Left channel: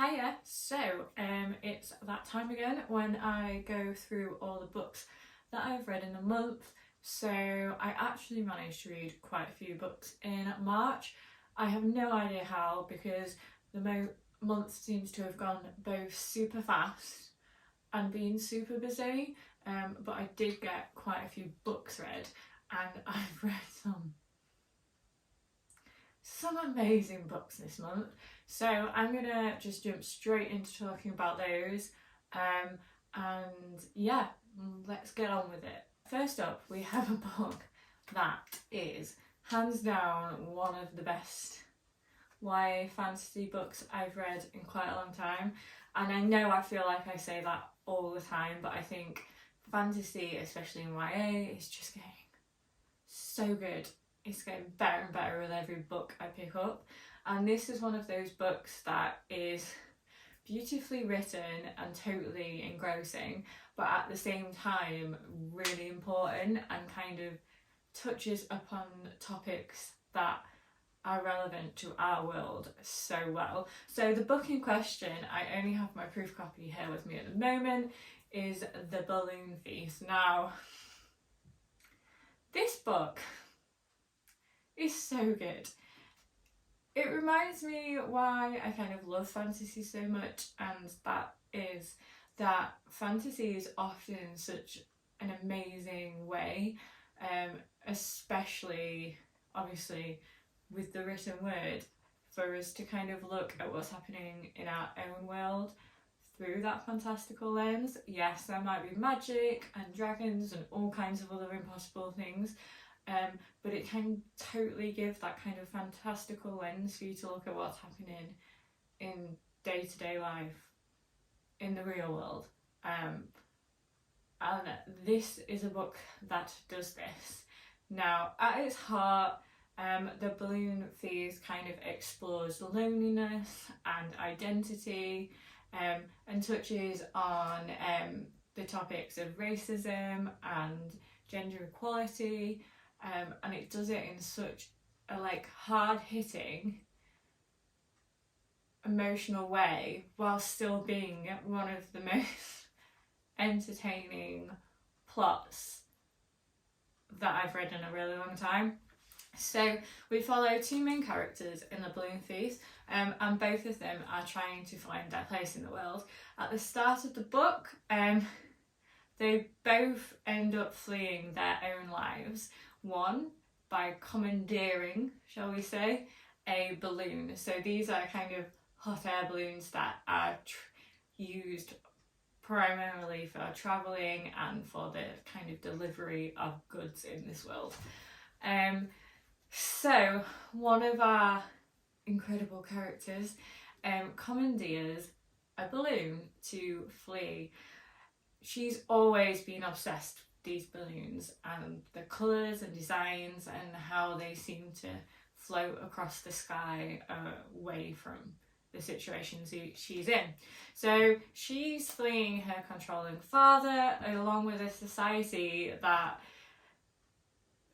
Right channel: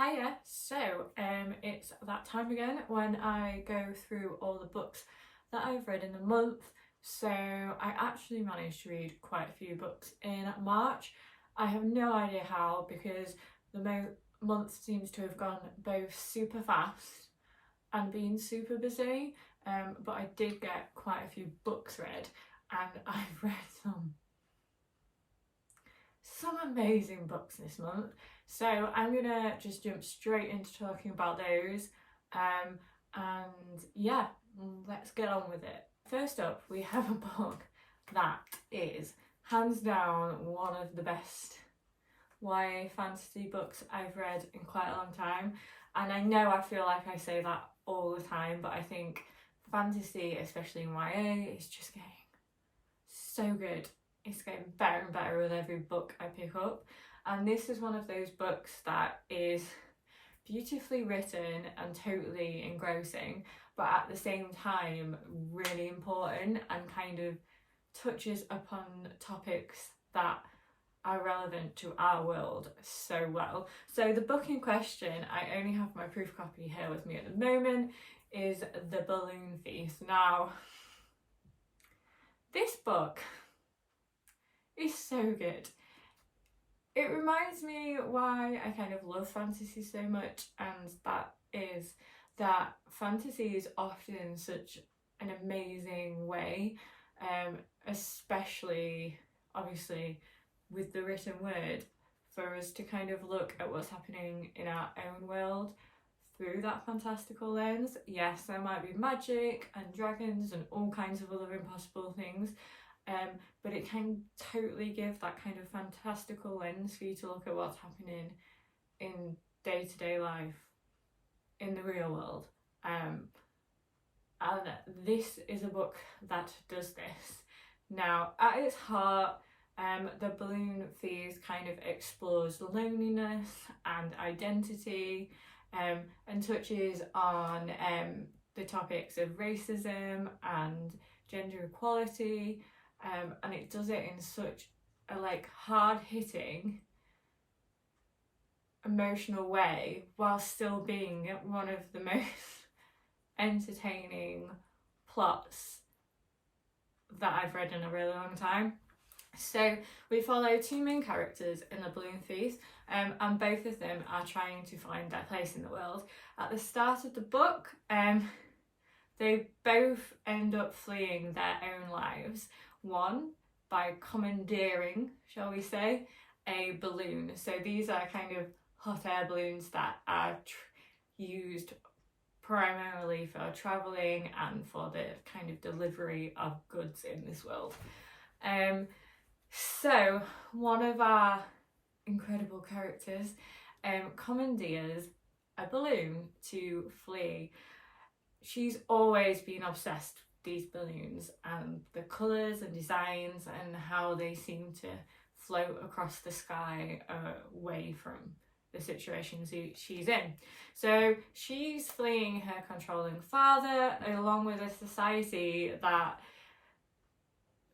Hiya! It's that time again when I go through all the books that I've read in a month. So I actually managed to read quite a few books in March. I have no idea how, because the month seems to have gone both super fast and been super busy, but I did get quite a few books read, and I've read some amazing books this month. So I'm gonna just jump straight into talking about those, and yeah, let's get on with it. First up, we have a book that is hands down one of the best YA fantasy books I've read in quite a long time. And I know I feel like I say that all the time, but I think fantasy, especially in YA, is just getting so good. It's getting better and better with every book I pick up. And this is one of those books that is beautifully written and totally engrossing, but at the same time really important and kind of touches upon topics that are relevant to our world so well. So the book in question, I only have my proof copy here with me at the moment, is The Balloon Feast. Now, this book is so good. It reminds me why I kind of love fantasy so much, and that is that fantasy is often such an amazing way, especially obviously with the written word, for us to kind of look at what's happening in our own world through that fantastical lens. Yes, there might be magic and dragons and all kinds of other impossible things, but it can totally give that kind of fantastical lens for you to look at what's happening in day-to-day life in the real world. And this is a book that does this. Now, at its heart, The Balloon Feast kind of explores loneliness and identity, and touches on the topics of racism and gender equality, and it does it in such a hard-hitting, emotional way, while still being one of the most entertaining plots that I've read in a really long time. So we follow two main characters in The Balloon Feast, and both of them are trying to find their place in the world. At the start of the book, they both end up fleeing their own lives. One by commandeering, shall we say, a balloon. So these are kind of hot air balloons that are used primarily for travelling and for the kind of delivery of goods in this world. So one of our incredible characters commandeers a balloon to flee. She's always been obsessed with these balloons and the colours and designs and how they seem to float across the sky away from the situation she's in. So she's fleeing her controlling father, along with a society that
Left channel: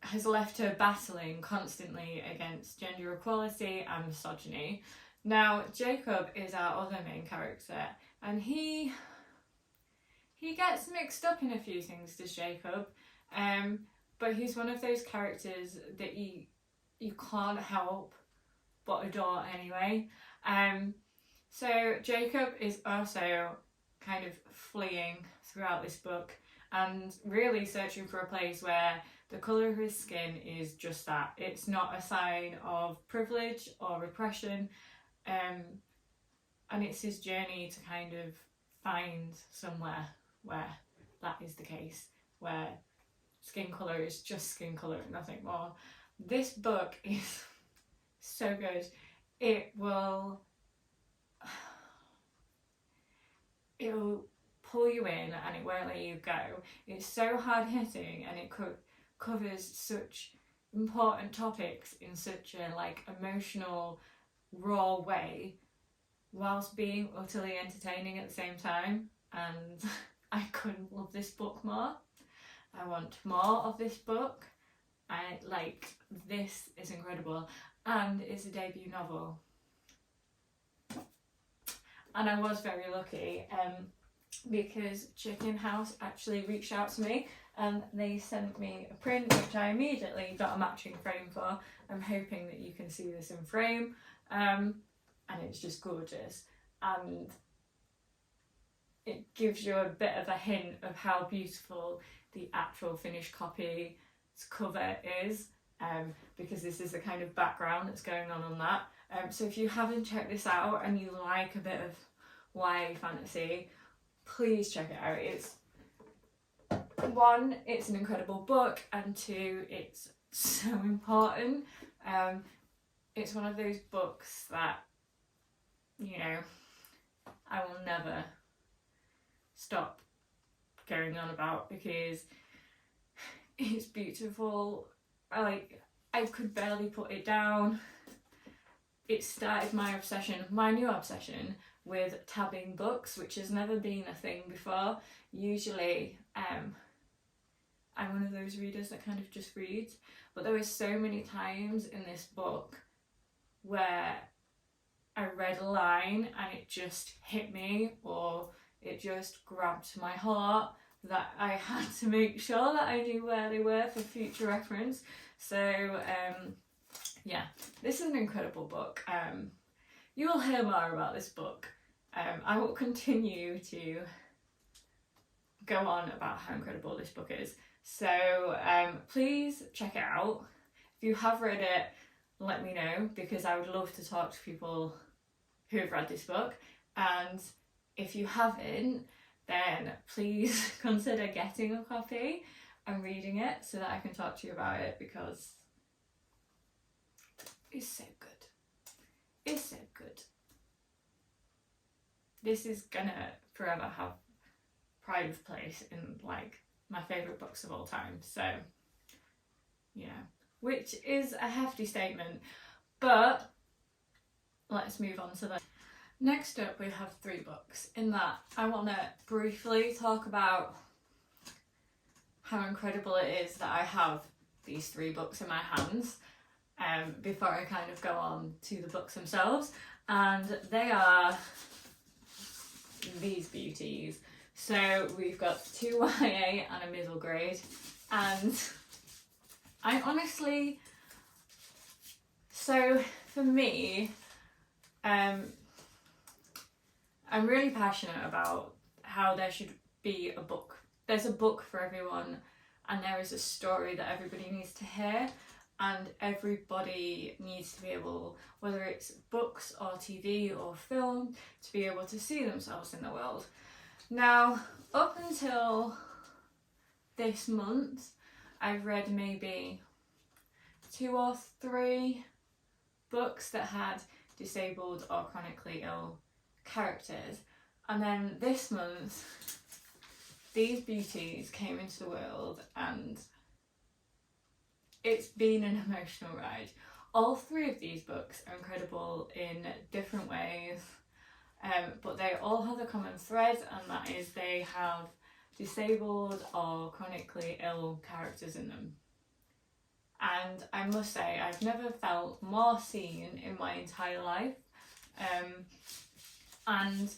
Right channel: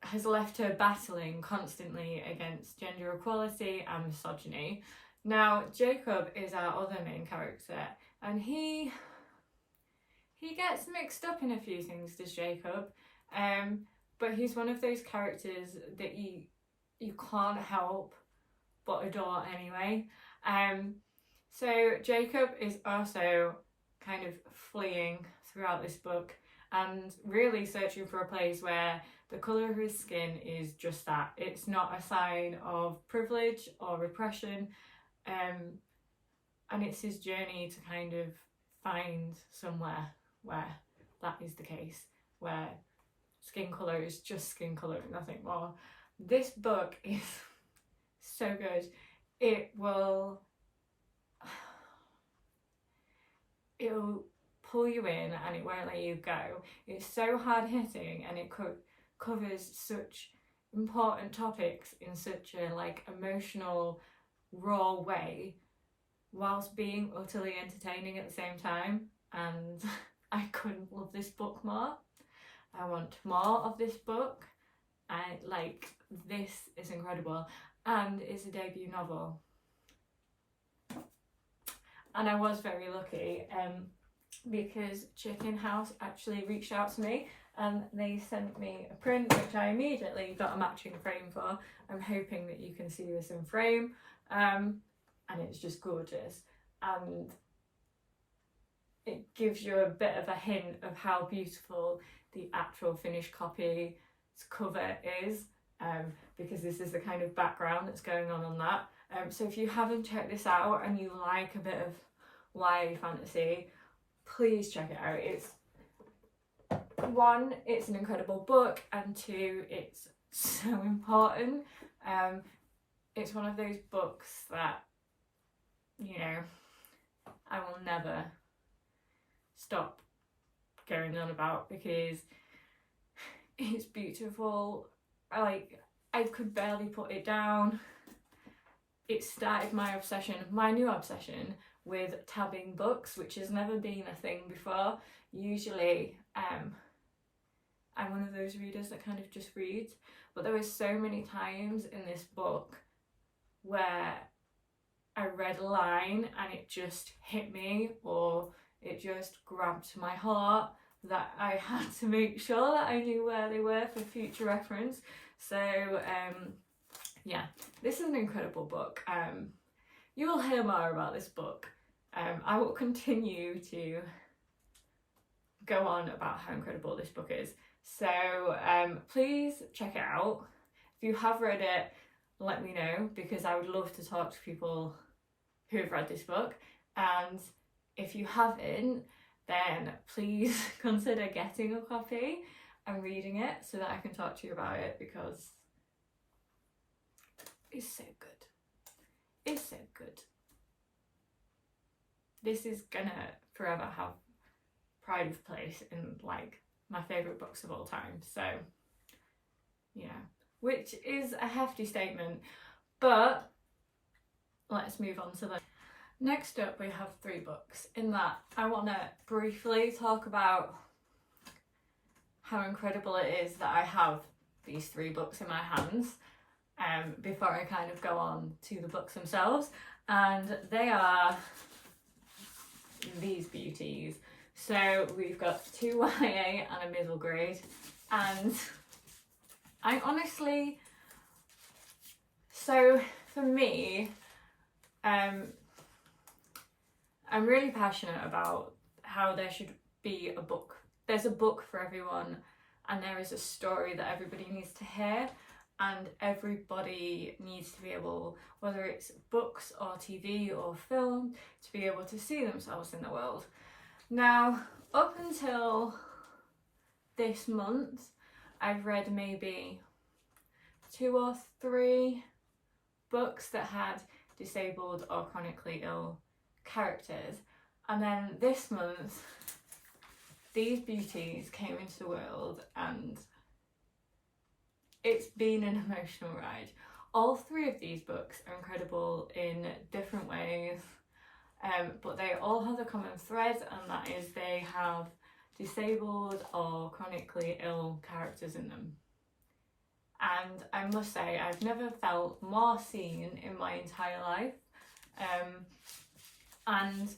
has left her battling constantly against gender equality and misogyny. Now, Jacob is our other main character, and he gets mixed up in a few things, does Jacob, but he's one of those characters that you can't help but adore anyway. So Jacob is also kind of fleeing throughout this book and really searching for a place where the colour of his skin is just that. It's not a sign of privilege or repression, and it's his journey to kind of find somewhere where that is the case, where skin colour is just skin colour, nothing more. This book is so good. It'll pull you in and it won't let you go. It's so hard hitting, and it covers such important topics in such a emotional, raw way, whilst being utterly entertaining at the same time. And I couldn't love this book more. I want more of this book. This is incredible, and it's a debut novel. And I was very lucky because Chicken House actually reached out to me and they sent me a print which I immediately got a matching frame for. I'm hoping that you can see this in frame, and it's just gorgeous, and it gives you a bit of a hint of how beautiful the actual finished copy's cover is, because this is the kind of background that's going on that. So if you haven't checked this out and you like a bit of YA fantasy, please check it out. It's one, it's an incredible book, and two, it's so important. It's one of those books that, you know, I will never stop going on about because it's beautiful. Like, I could barely put it down. It started my new obsession with tabbing books, which has never been a thing before. Usually, I'm one of those readers that kind of just reads, but there were so many times in this book where I read a line and it just hit me, or it just grabbed my heart, that I had to make sure that I knew where they were for future reference. So yeah, this is an incredible book. You will hear more about this book. I will continue to go on about how incredible this book is. So please check it out. If you have read it, let me know, because I would love to talk to people who have read this book. And if you haven't, then please consider getting a copy and reading it so that I can talk to you about it, because it's so good. It's so good. This is gonna forever have pride of place in like my favourite books of all time. So, you know, which is a hefty statement, but let's move on to the next up. We have 3 books. In that, I want to briefly talk about how incredible it is that I have these 3 books in my hands, before I kind of go on to the books themselves, and they are these beauties. So we've got 2 YA and a middle grade, and I honestly, so for me, I'm really passionate about how there should be a book. There's a book for everyone, and there is a story that everybody needs to hear, and everybody needs to be able, whether it's books or TV or film, to be able to see themselves in the world. Now, up until this month, I've read maybe 2 or 3 books that had disabled or chronically ill characters, and then this month these beauties came into the world, and it's been an emotional ride. All 3 of these books are incredible in different ways, but they all have a common thread, and that is they have disabled or chronically ill characters in them. And I must say, I've never felt more seen in my entire life. And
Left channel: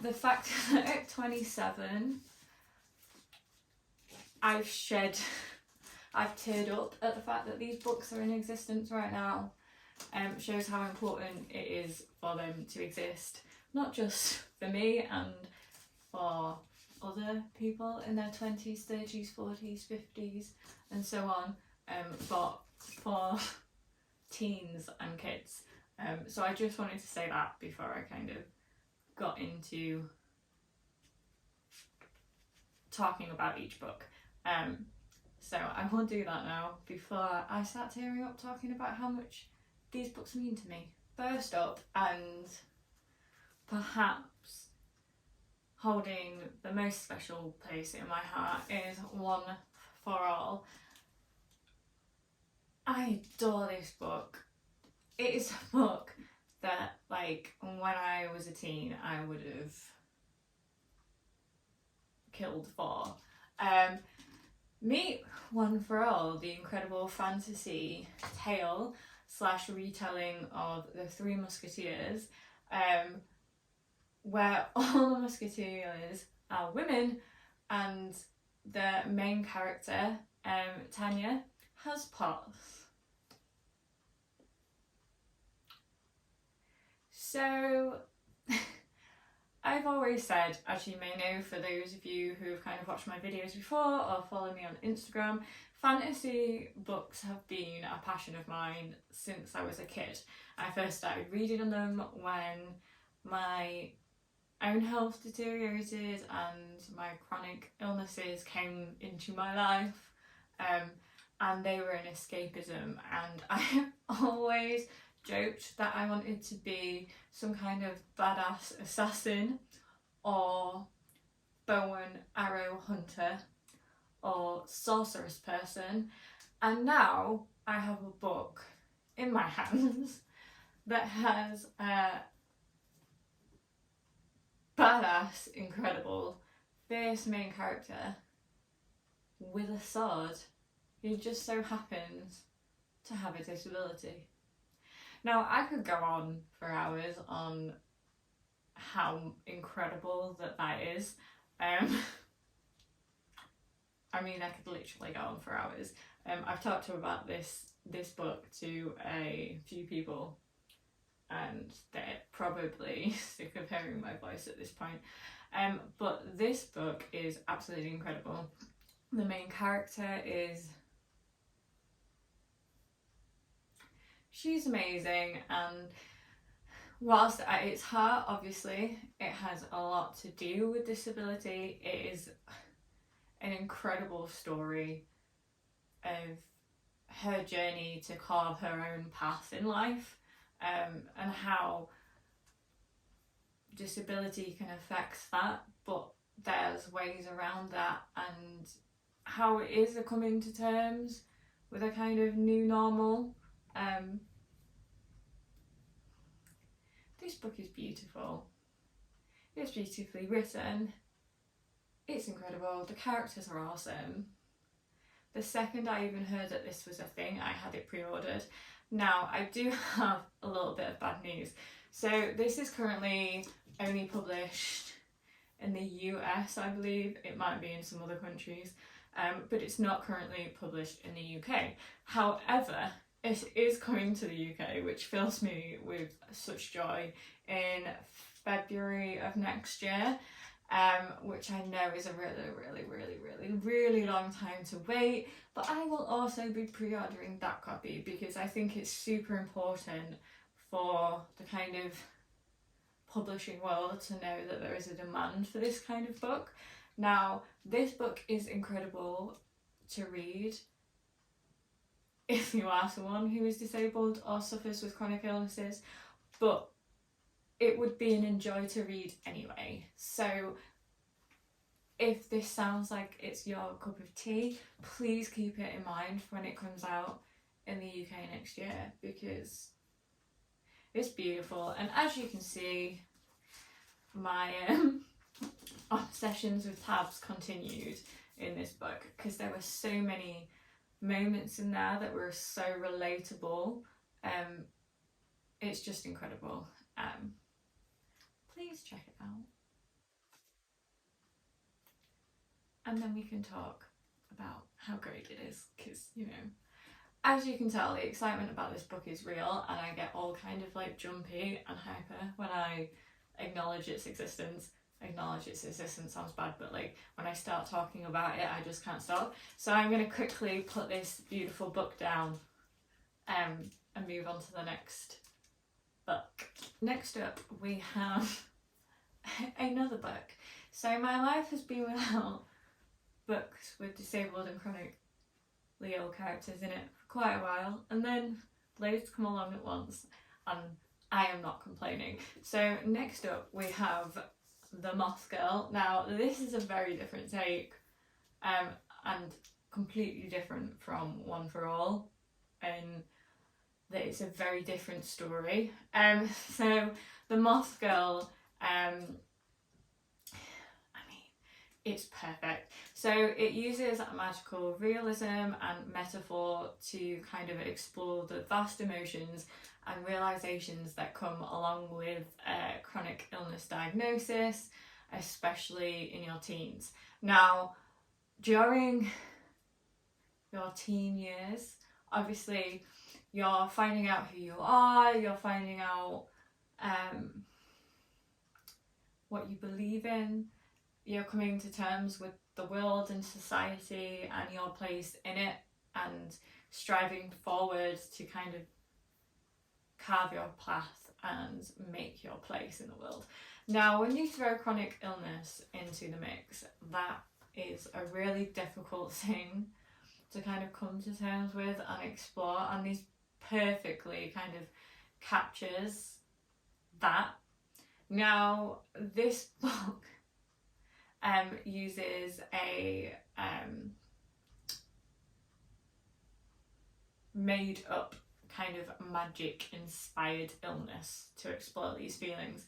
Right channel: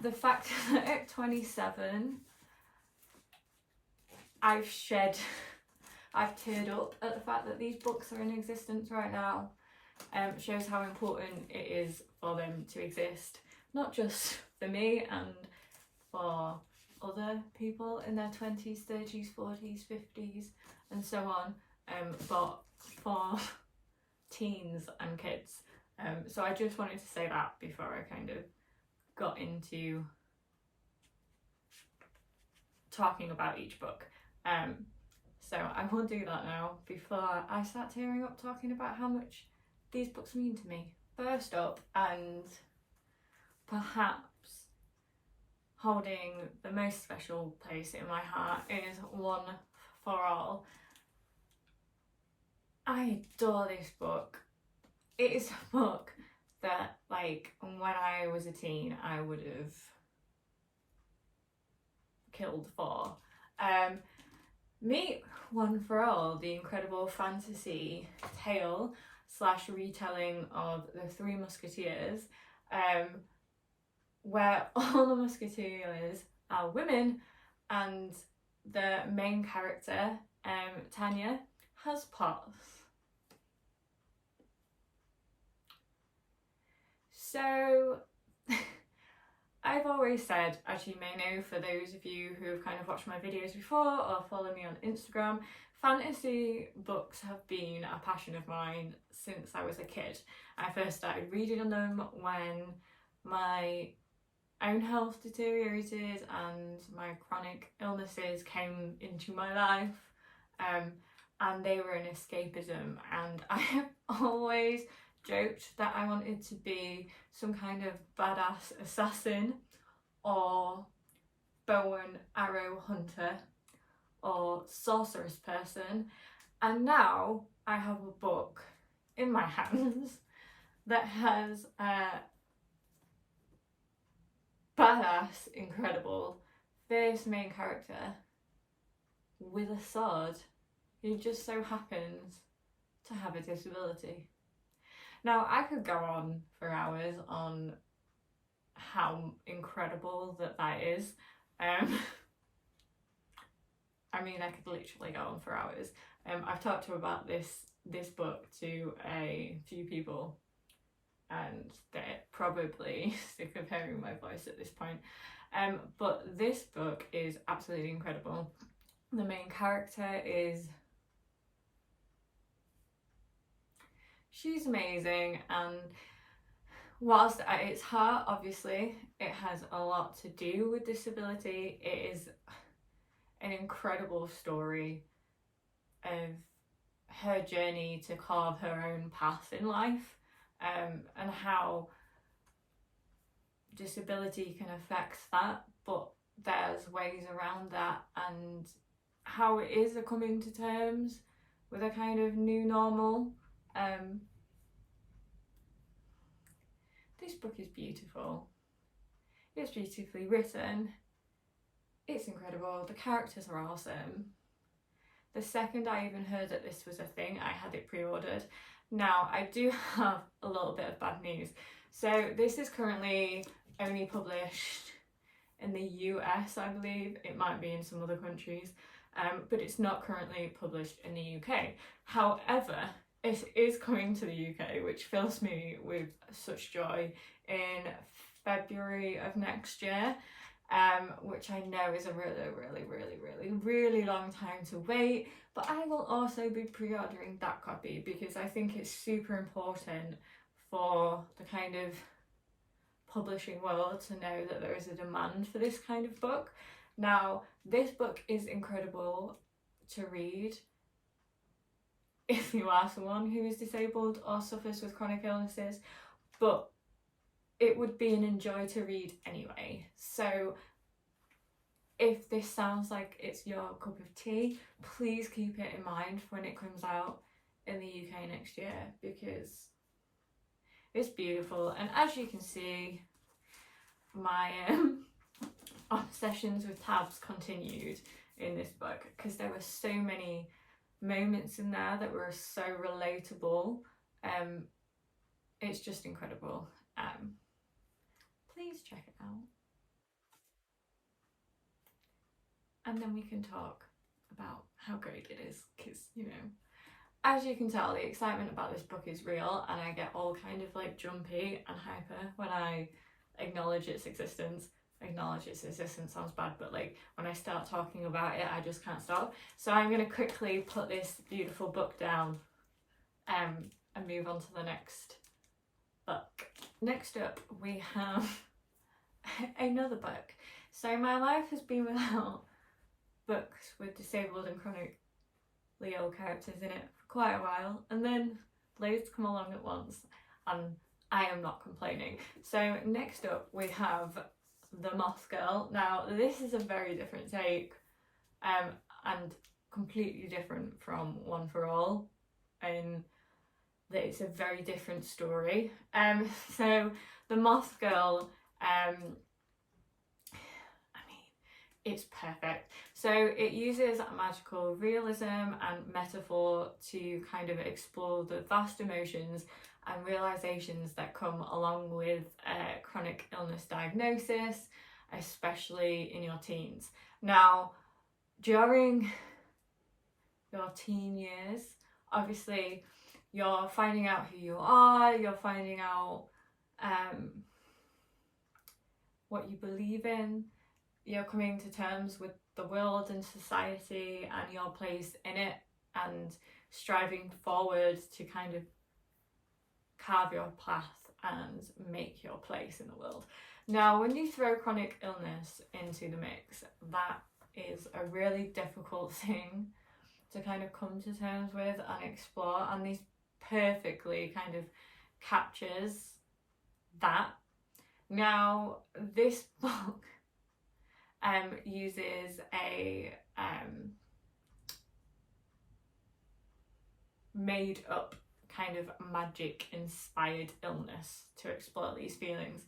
the fact that at 27, I've teared up at the fact that these books are in existence right now, shows how important it is for them to exist, not just for me and for other people in their 20s, 30s, 40s, 50s and so on, but for teens and kids. So I just wanted to say that before I kind of got into talking about each book. So I will do that now before I start tearing up talking about how much these books mean to me. First up, and perhaps holding the most special place in my heart, is One for All. I adore this book. It is a book that, like, when I was a teen, I would have killed for. Meet One for All, the incredible fantasy tale slash retelling of the Three Musketeers, where all the musketeers are women, and the main character, Tanya, has pots. So I've always said, as you may know, for those of you who have kind of watched my videos before or follow me on Instagram, fantasy books have been a passion of mine since I was a kid. I first started reading them when my own health deteriorated and my chronic illnesses came into my life, and they were an escapism, and I have always joked that I wanted to be some kind of badass assassin or bow and arrow hunter or sorceress person, and now I have a book in my hands that has a badass, incredible, fierce main character with a sword who just so happens to have a disability. Now, I could go on for hours on how incredible that is. I mean, I could literally go on for hours. I've talked about this book to a few people, and they're probably sick of hearing my voice at this point. But this book is absolutely incredible. The main character she's amazing, and whilst at its heart, obviously, it has a lot to do with disability, it is an incredible story of her journey to carve her own path in life, and how disability can affect that, but there's ways around that, and how it is a coming to terms with a kind of new normal. This book is beautiful. It's beautifully written. It's incredible. The characters are awesome. The second I even heard that this was a thing, I had it pre-ordered. Now, I do have a little bit of bad news. So this is currently only published in the US, I believe. It might be in some other countries, but it's not currently published in the UK. However, it is coming to the UK, which fills me with such joy, in February of next year, which I know is a really long time to wait, but I will also be pre-ordering that copy because I think it's super important for the kind of publishing world to know that there is a demand for this kind of book. Now, this book is incredible to read if you are someone who is disabled or suffers with chronic illnesses, but it would be an enjoy to read anyway. So if this sounds like it's your cup of tea, please keep it in mind when it comes out in the UK next year, because it's beautiful. And as you can see, my obsessions with tabs continued in this book, because there were so many moments in there that were so relatable. It's just incredible. Please check it out, and then we can talk about how great it is, because, you know, as you can tell, the excitement about this book is real, and I get all kind of like jumpy and hyper when I acknowledge its existence. Acknowledge its existence sounds bad, but like when I start talking about it, I just can't stop. So I'm going to quickly put this beautiful book down, and move on to the next book. Next up, we have another book. So my life has been without books with disabled and chronically ill characters in it for quite a while, and then loads come along at once, and I am not complaining. So next up, we have The Moth Girl. Now, this is a very different take, and completely different from One for All, in that it's a very different story. So The Moth Girl, I mean, it's perfect. So it uses magical realism and metaphor to kind of explore the vast emotions and realizations that come along with chronic illness diagnosis, especially in your teens. Now, during your teen years, obviously you're finding out who you are, you're finding out what you believe in, you're coming to terms with the world and society and your place in it, and striving forward to kind of carve your path and make your place in the world. Now, when you throw chronic illness into the mix, that is a really difficult thing to kind of come to terms with and explore, and this perfectly kind of captures that. Now, this book uses a made up kind of magic inspired illness to explore these feelings,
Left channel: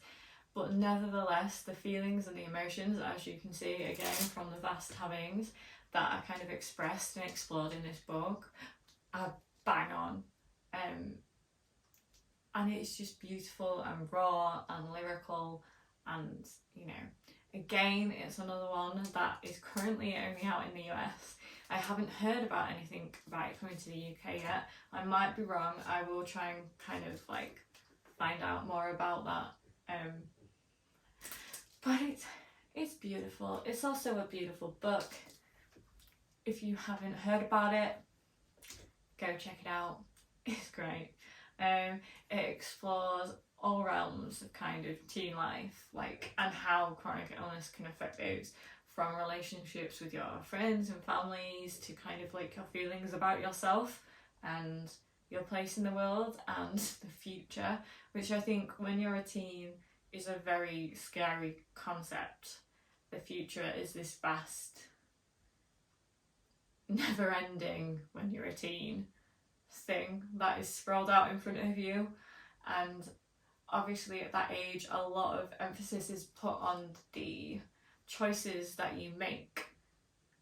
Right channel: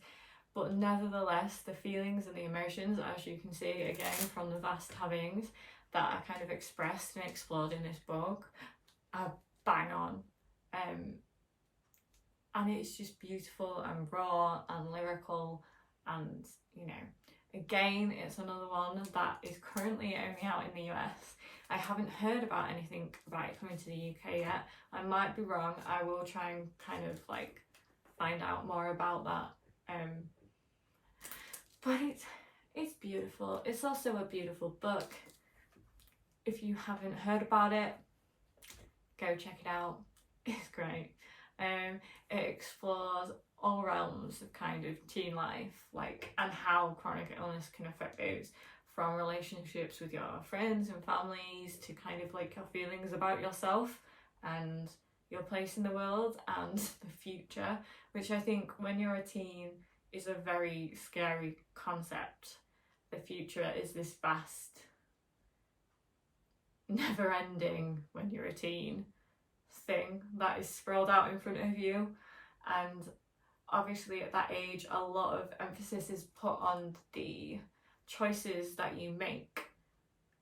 but nevertheless the feelings and the emotions, as you can see again from the vast havings that are kind of expressed and explored in this book, are bang on, and it's just beautiful and raw and lyrical, and you know, again, it's another one that is currently only out in the US. I haven't heard about anything about it coming to the UK yet. I might be wrong. I will try and kind of like find out more about that. But it's beautiful. It's also a beautiful book. If you haven't heard about it, go check it out. It's great. It explores all realms of kind of teen life, like, and how chronic illness can affect those, from relationships with your friends and families to kind of like your feelings about yourself and your place in the world and the future, which I think when you're a teen is a very scary concept. The future is this vast, never ending, when you're a teen, thing that is sprawled out in front of you. And obviously at that age a lot of emphasis is put on the choices that you make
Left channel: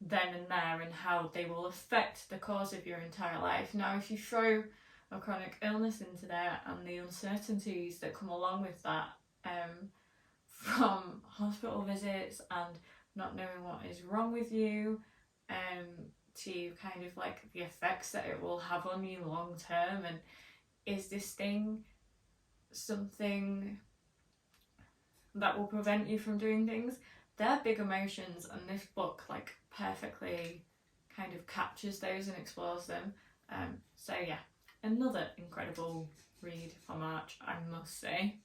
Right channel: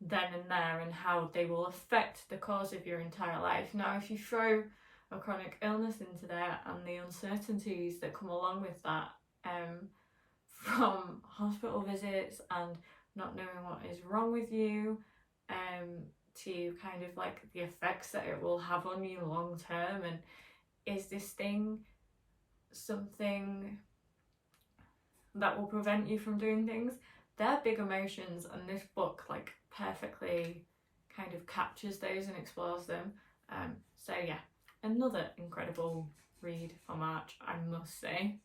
then and there and how they will affect the course of your entire life. Now, if you throw a chronic illness into there and the uncertainties that come along with that, from hospital visits and not knowing what is wrong with you, to kind of like the effects that it will have on you long term, and is this thing something that will prevent you from doing things? They're big emotions, and this book like perfectly kind of captures those and explores them. So yeah, another incredible read for March, I must say.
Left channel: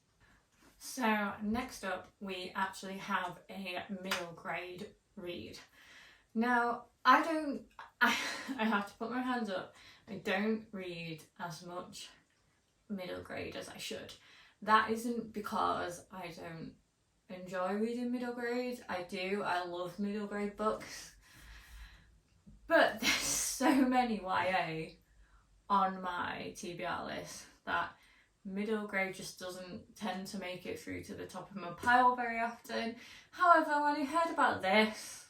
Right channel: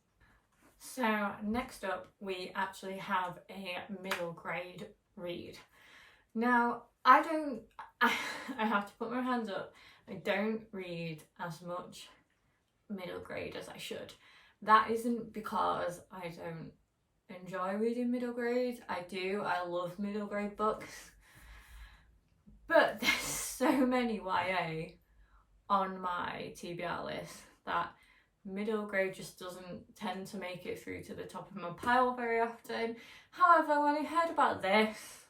So next up we actually have a middle grade read. Now, I have to put my hands up, I don't read as much middle grade as I should. That isn't because I don't enjoy reading middle grade. I do, I love middle grade books, but there's so many YA on my TBR list that middle grade just doesn't tend to make it through to the top of my pile very often. However, when I heard about this,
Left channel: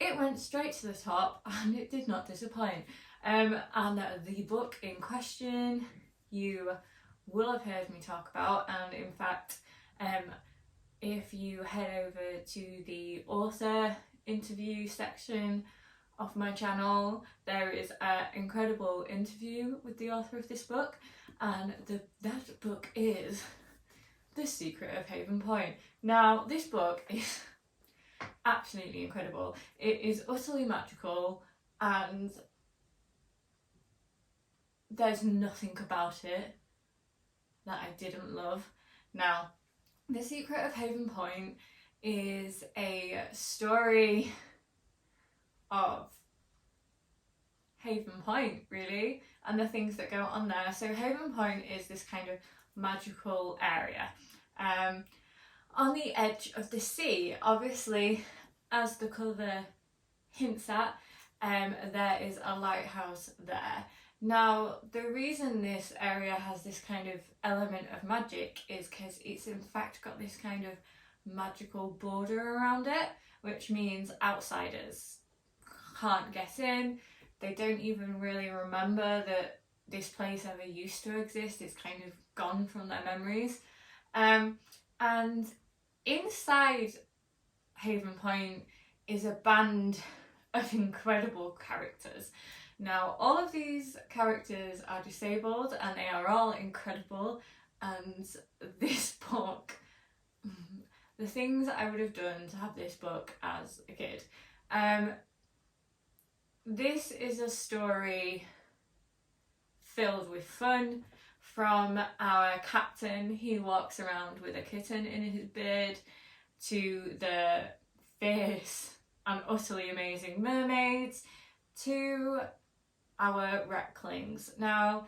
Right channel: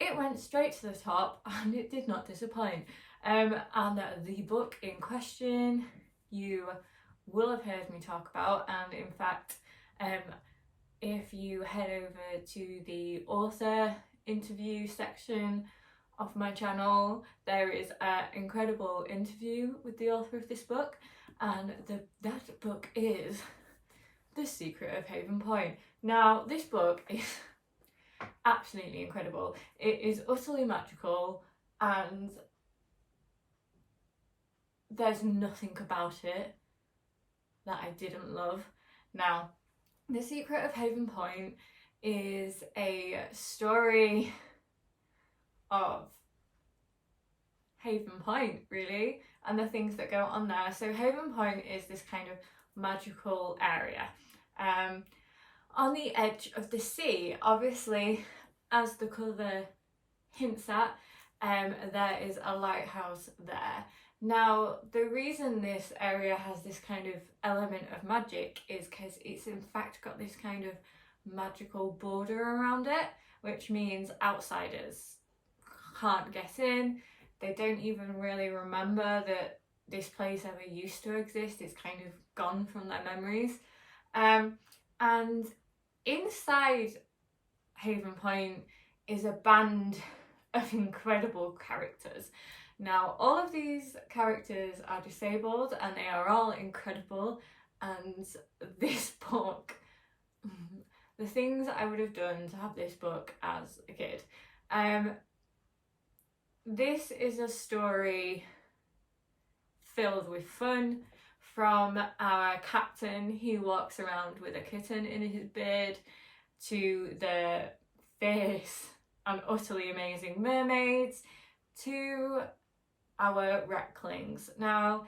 it went straight to the top and it did not disappoint. And the book in question you will have heard me talk about, and in fact if you head over to the author interview section of my channel, there is an incredible interview with the author of this book, and that book is The Secret of Haven Point. Now, this book is absolutely incredible. It is utterly magical, and there's nothing about it that I didn't love. Now, The Secret of Haven Point is a story of Haven Point, really, and the things that go on there. So Haven Point is this kind of magical area on the edge of the sea. Obviously, as the cover hints at, there is a lighthouse there. Now, the reason this area has this kind of element of magic is because it's in fact got this kind of magical border around it, which means outsiders can't get in. They don't even really remember that this place ever used to exist. It's kind of gone from their memories. And inside Haven Point is a band of incredible characters. Now, all of these characters are disabled and they are all incredible, and this book, the things I would have done to have this book as a kid. This is a story filled with fun, from our captain who walks around with a kitten in his beard, to the fierce and utterly amazing mermaids, to our wrecklings. Now,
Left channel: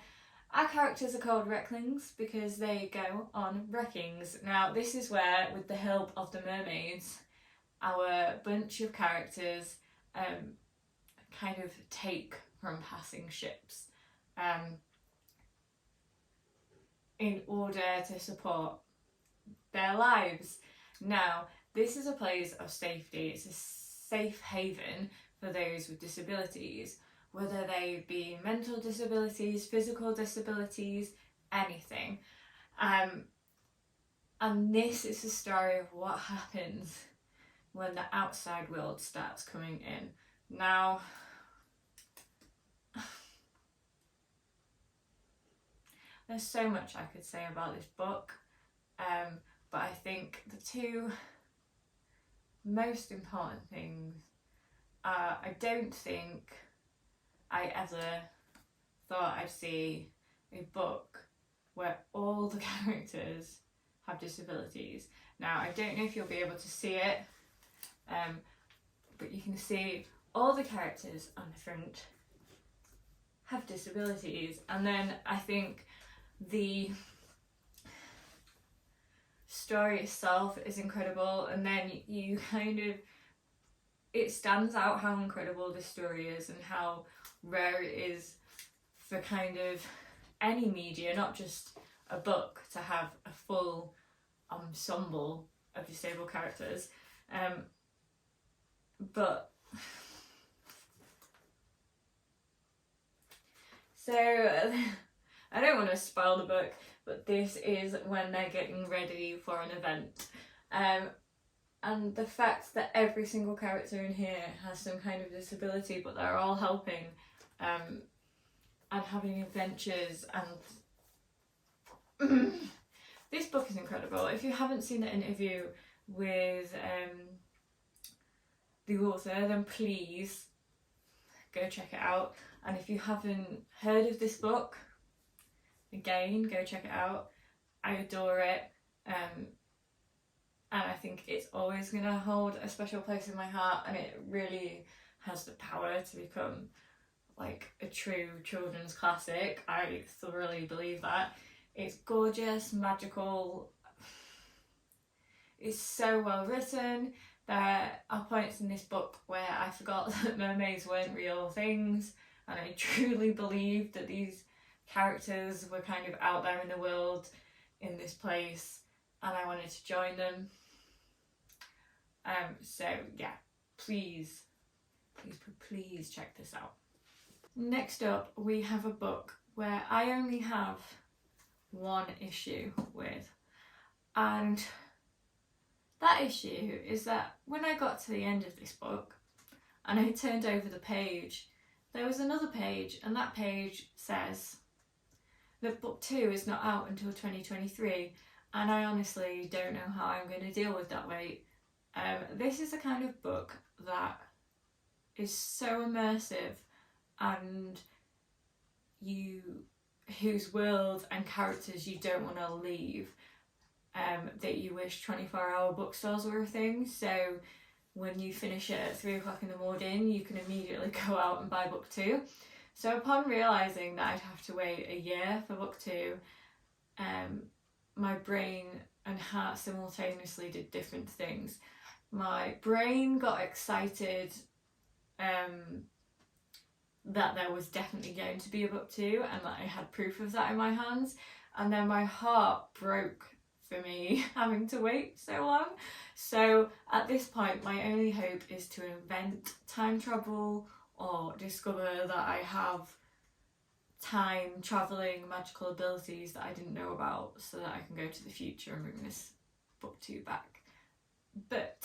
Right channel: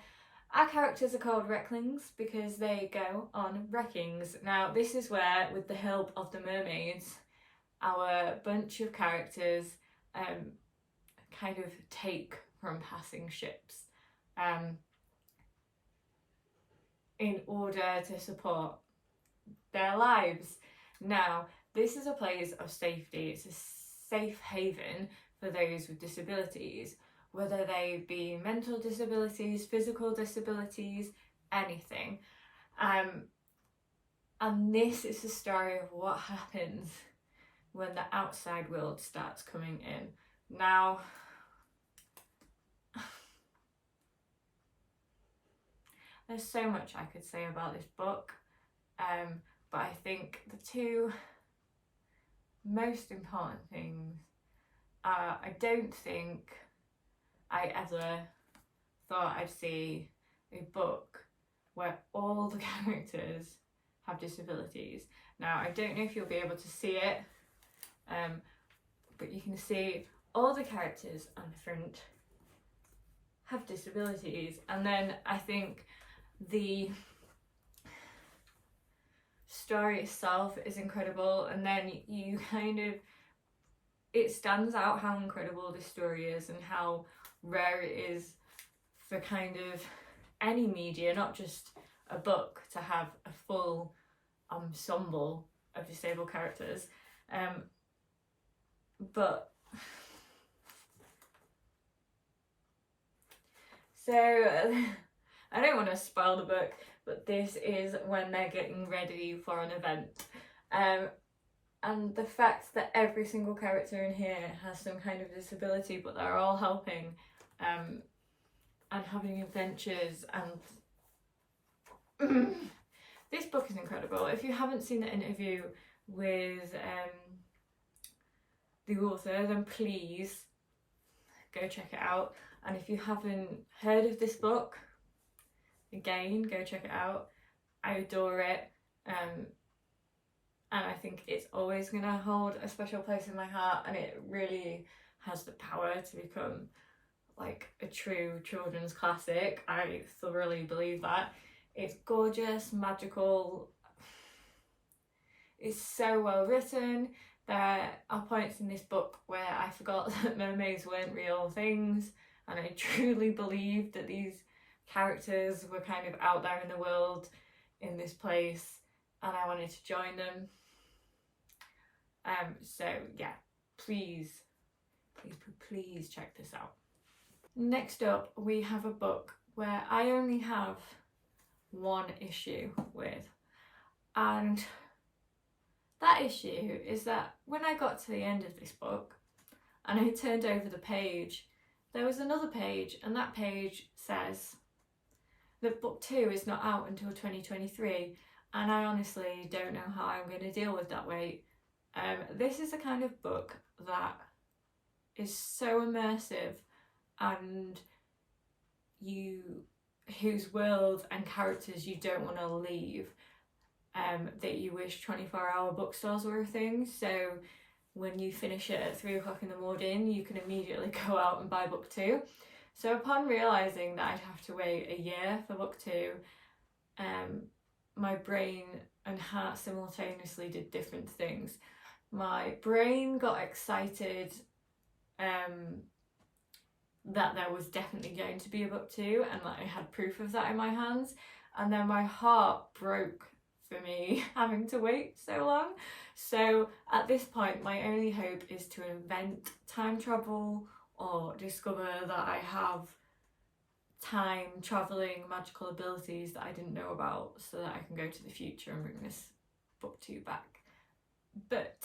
our characters are called wrecklings because they go on wreckings. Now, this is where, with the help of the mermaids, our bunch of characters kind of take from passing ships in order to support their lives. Now, this is a place of safety. It's a safe haven for those with disabilities, whether they be mental disabilities, physical disabilities, anything. And this is the story of what happens when the outside world starts coming in. Now, there's so much I could say about this book, but I think the two most important things are, I don't think I ever thought I'd see a book where all the characters have disabilities. Now, I don't know if you'll be able to see it, but you can see all the characters on the front have disabilities, and then I think the story itself is incredible, and then you kind of, it stands out how incredible this story is and how rare it is for kind of any media, not just a book, to have a full ensemble of disabled characters. But so I don't want to spoil the book, but this is when they're getting ready for an event. And the fact that every single character in here has some kind of disability, but they're all helping and having adventures, and this book is incredible. If you haven't seen the interview with the author, then please go check it out. And if you haven't heard of this book, again, go check it out. I adore it, and I think it's always going to hold a special place in my heart, and it really has the power to become like a true children's classic. I thoroughly believe that. It's gorgeous, magical, it's so well written. There are points in this book where I forgot that mermaids weren't real things, and I truly believed that these characters were kind of out there in the world in this place, and I wanted to join them. So yeah, please check this out. Next up, we have a book where I only have one issue with, and that issue is that when I got to the end of this book and I turned over the page, there was another page, and that page says that book 2 is not out until 2023, and I honestly don't know how I'm going to deal with that wait. This is a kind of book that is so immersive, and whose world and characters you don't want to leave, that you wish 24-hour bookstores were a thing. So when you finish it at 3 o'clock in the morning, you can immediately go out and buy book 2. So upon realising that I'd have to wait a year for book 2, my brain and heart simultaneously did different things. My brain got excited that there was definitely going to be a book 2, and that I had proof of that in my hands, and then my heart broke for me having to wait so long. So at this point, my only hope is to invent time travel or discover that I have time traveling magical abilities that I didn't know about, so that I can go to the future and bring this book 2 back. But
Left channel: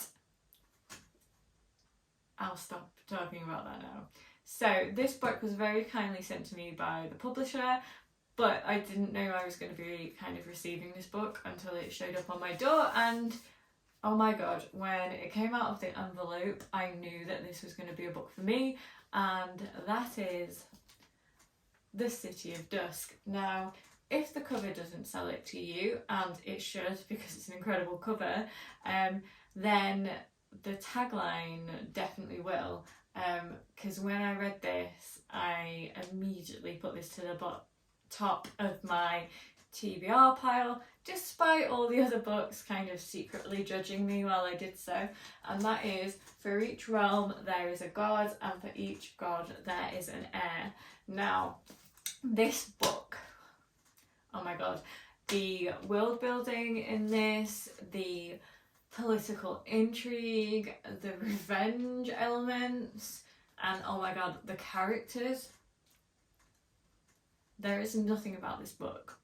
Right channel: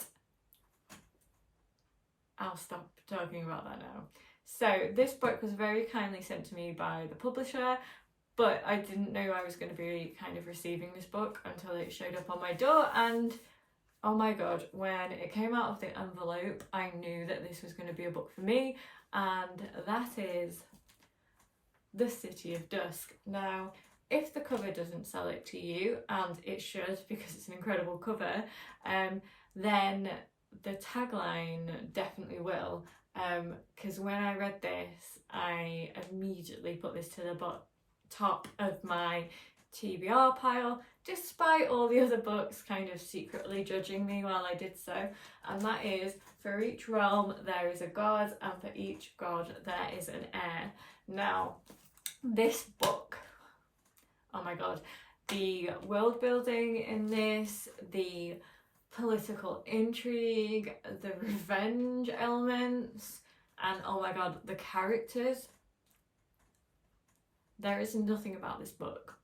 I'll stop talking about that now. So this book was very kindly sent to me by the publisher, but I didn't know I was going to be kind of receiving this book until it showed up on my door, and oh my god, when it came out of the envelope, I knew that this was going to be a book for me, and that is The City of Dusk. Now, if the cover doesn't sell it to you, and it should because it's an incredible cover, then the tagline definitely will, because when I read this, I immediately put this to the top of my TBR pile, despite all the other books kind of secretly judging me while I did so, and that is, for each realm there is a god, and for each god there is an heir. Now, this book, oh my god, the world building in this, the political intrigue, the revenge elements, and oh my god, the characters. There is nothing about this book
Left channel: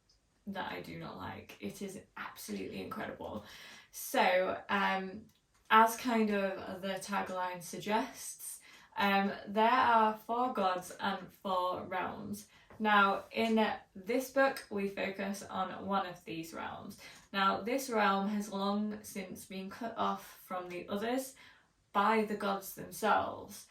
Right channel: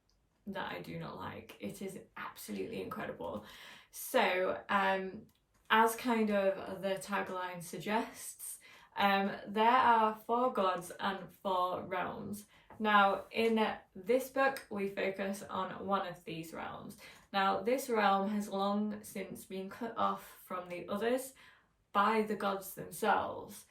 that I do not like. It is absolutely incredible. So, as kind of the tagline suggests, there are 4 gods and 4 realms. Now, in this book, we focus on one of these realms. Now, this realm has long since been cut off from the others by the gods themselves.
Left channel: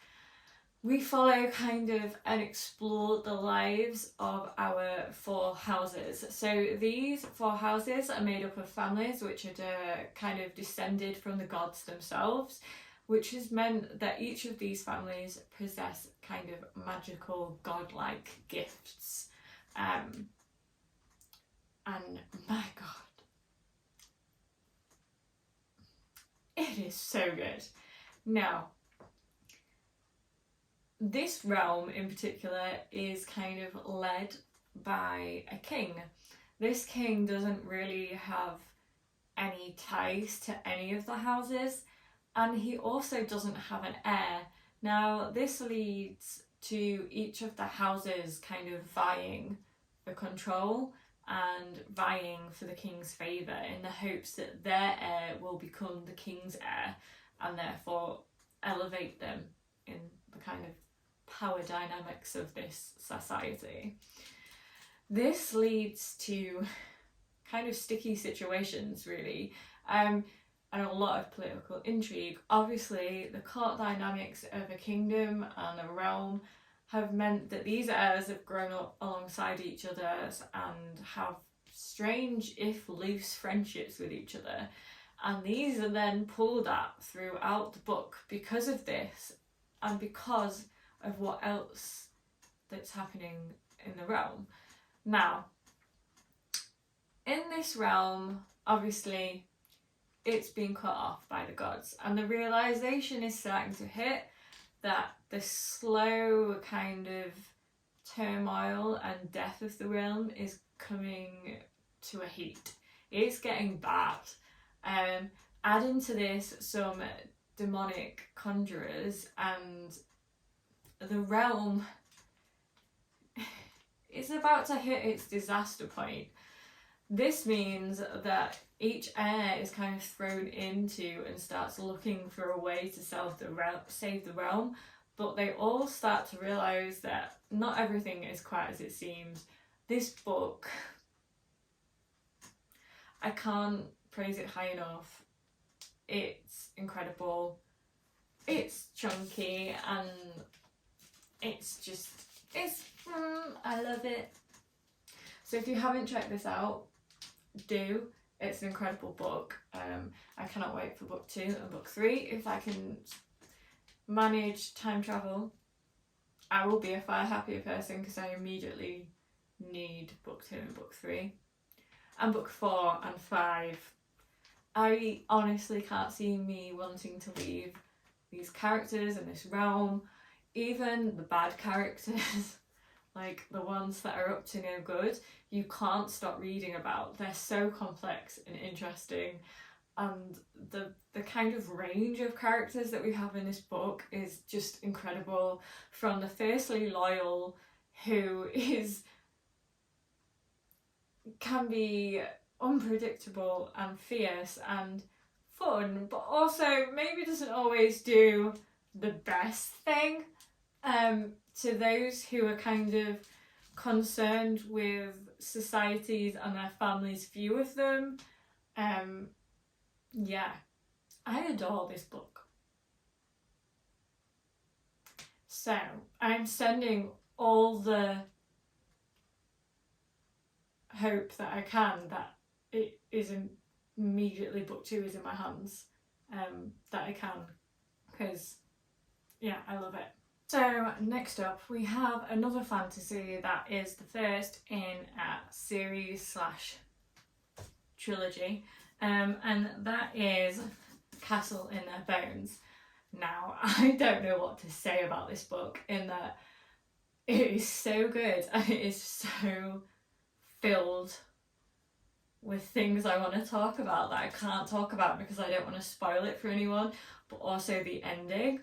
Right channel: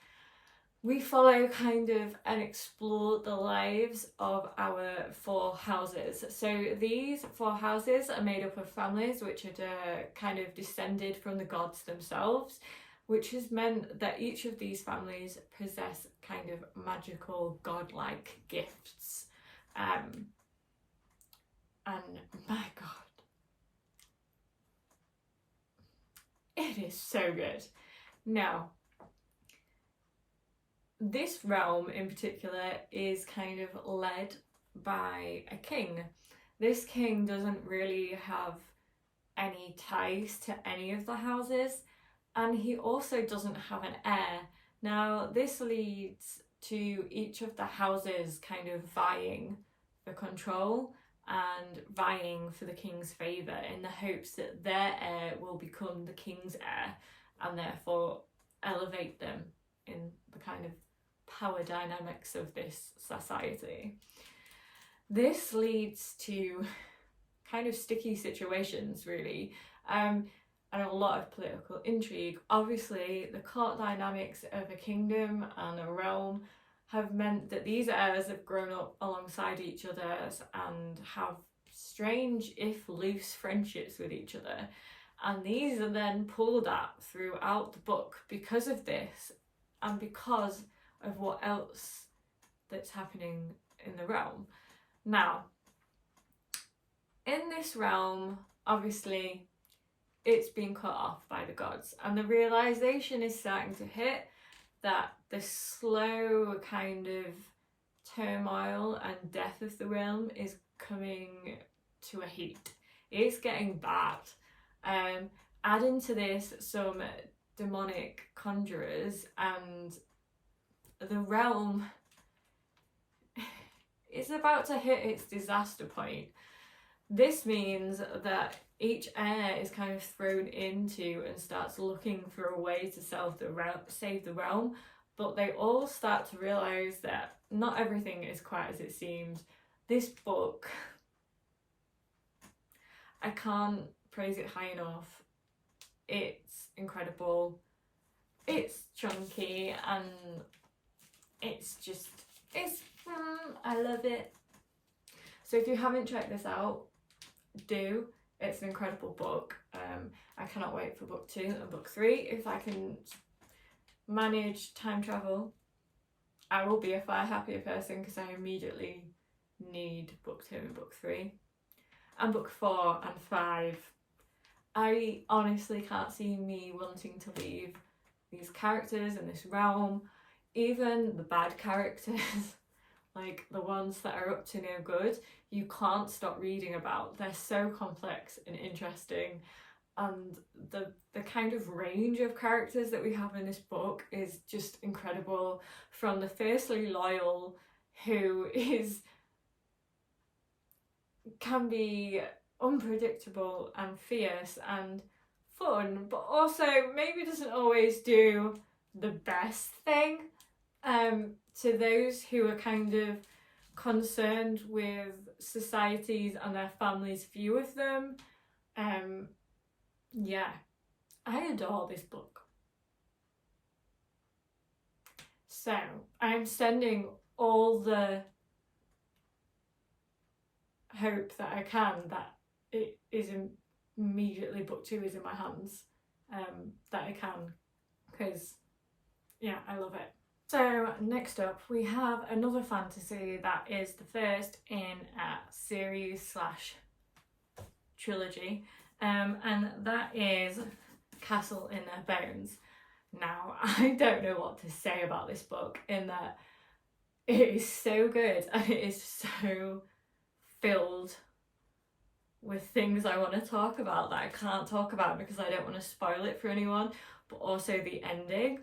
We follow kind of and explore the lives of our 4 houses. So these 4 houses are made up of families which are kind of descended from the gods themselves, which has meant that each of these families possess kind of magical godlike gifts. And my god, it is so good. Now, this realm in particular is kind of led by a king. This king doesn't really have any ties to any of the houses, and he also doesn't have an heir. Now, this leads to each of the houses kind of vying for control and vying for the king's favour in the hopes that their heir will become the king's heir and therefore elevate them in the kind of power dynamics of this society. This leads to kind of sticky situations, really, and a lot of political intrigue. Obviously, the court dynamics of a kingdom and a realm have meant that these heirs have grown up alongside each other and have strange, if loose, friendships with each other. And these are then pulled at throughout the book because of this and because of what else that's happening in the realm. Now, in this realm, obviously, it's been cut off by the gods, and the realization is starting to hit that the slow kind of turmoil and death of the realm is coming to a heat. It's getting bad. Adding to this some demonic conjurers, and the realm is about to hit its disaster point. This means that each heir is kind of thrown into and starts looking for a way to save the realm, but they all start to realise that not everything is quite as it seems. This book, I can't praise it high enough. It's incredible, it's chunky, and I love it. So if you haven't checked this out, do. It's an incredible book. I cannot wait for book 2 and book 3. If I can manage time travel, I will be a far happier person, because I immediately need book 2 and book 3. And book 4 and 5. I honestly can't see me wanting to leave these characters in this realm, even the bad characters like the ones that are up to no good, you can't stop reading about. They're so complex and interesting, and the kind of range of characters that we have in this book is just incredible. From the fiercely loyal, who can be unpredictable and fierce and fun, but also maybe doesn't always do the best thing, to those who are kind of concerned with societies and their families' view of them. Yeah, I adore this book. So I'm sending all the hope that I can that it is immediately book 2 is in my hands, that I can, because yeah, I love it. So next up we have another fantasy that is the first in a series / trilogy, and that is Castle in Their Bones. Now, I don't know what to say about this book, in that it is so good and it is so filled with things I want to talk about that I can't talk about because I don't want to spoil it for anyone, but also the ending.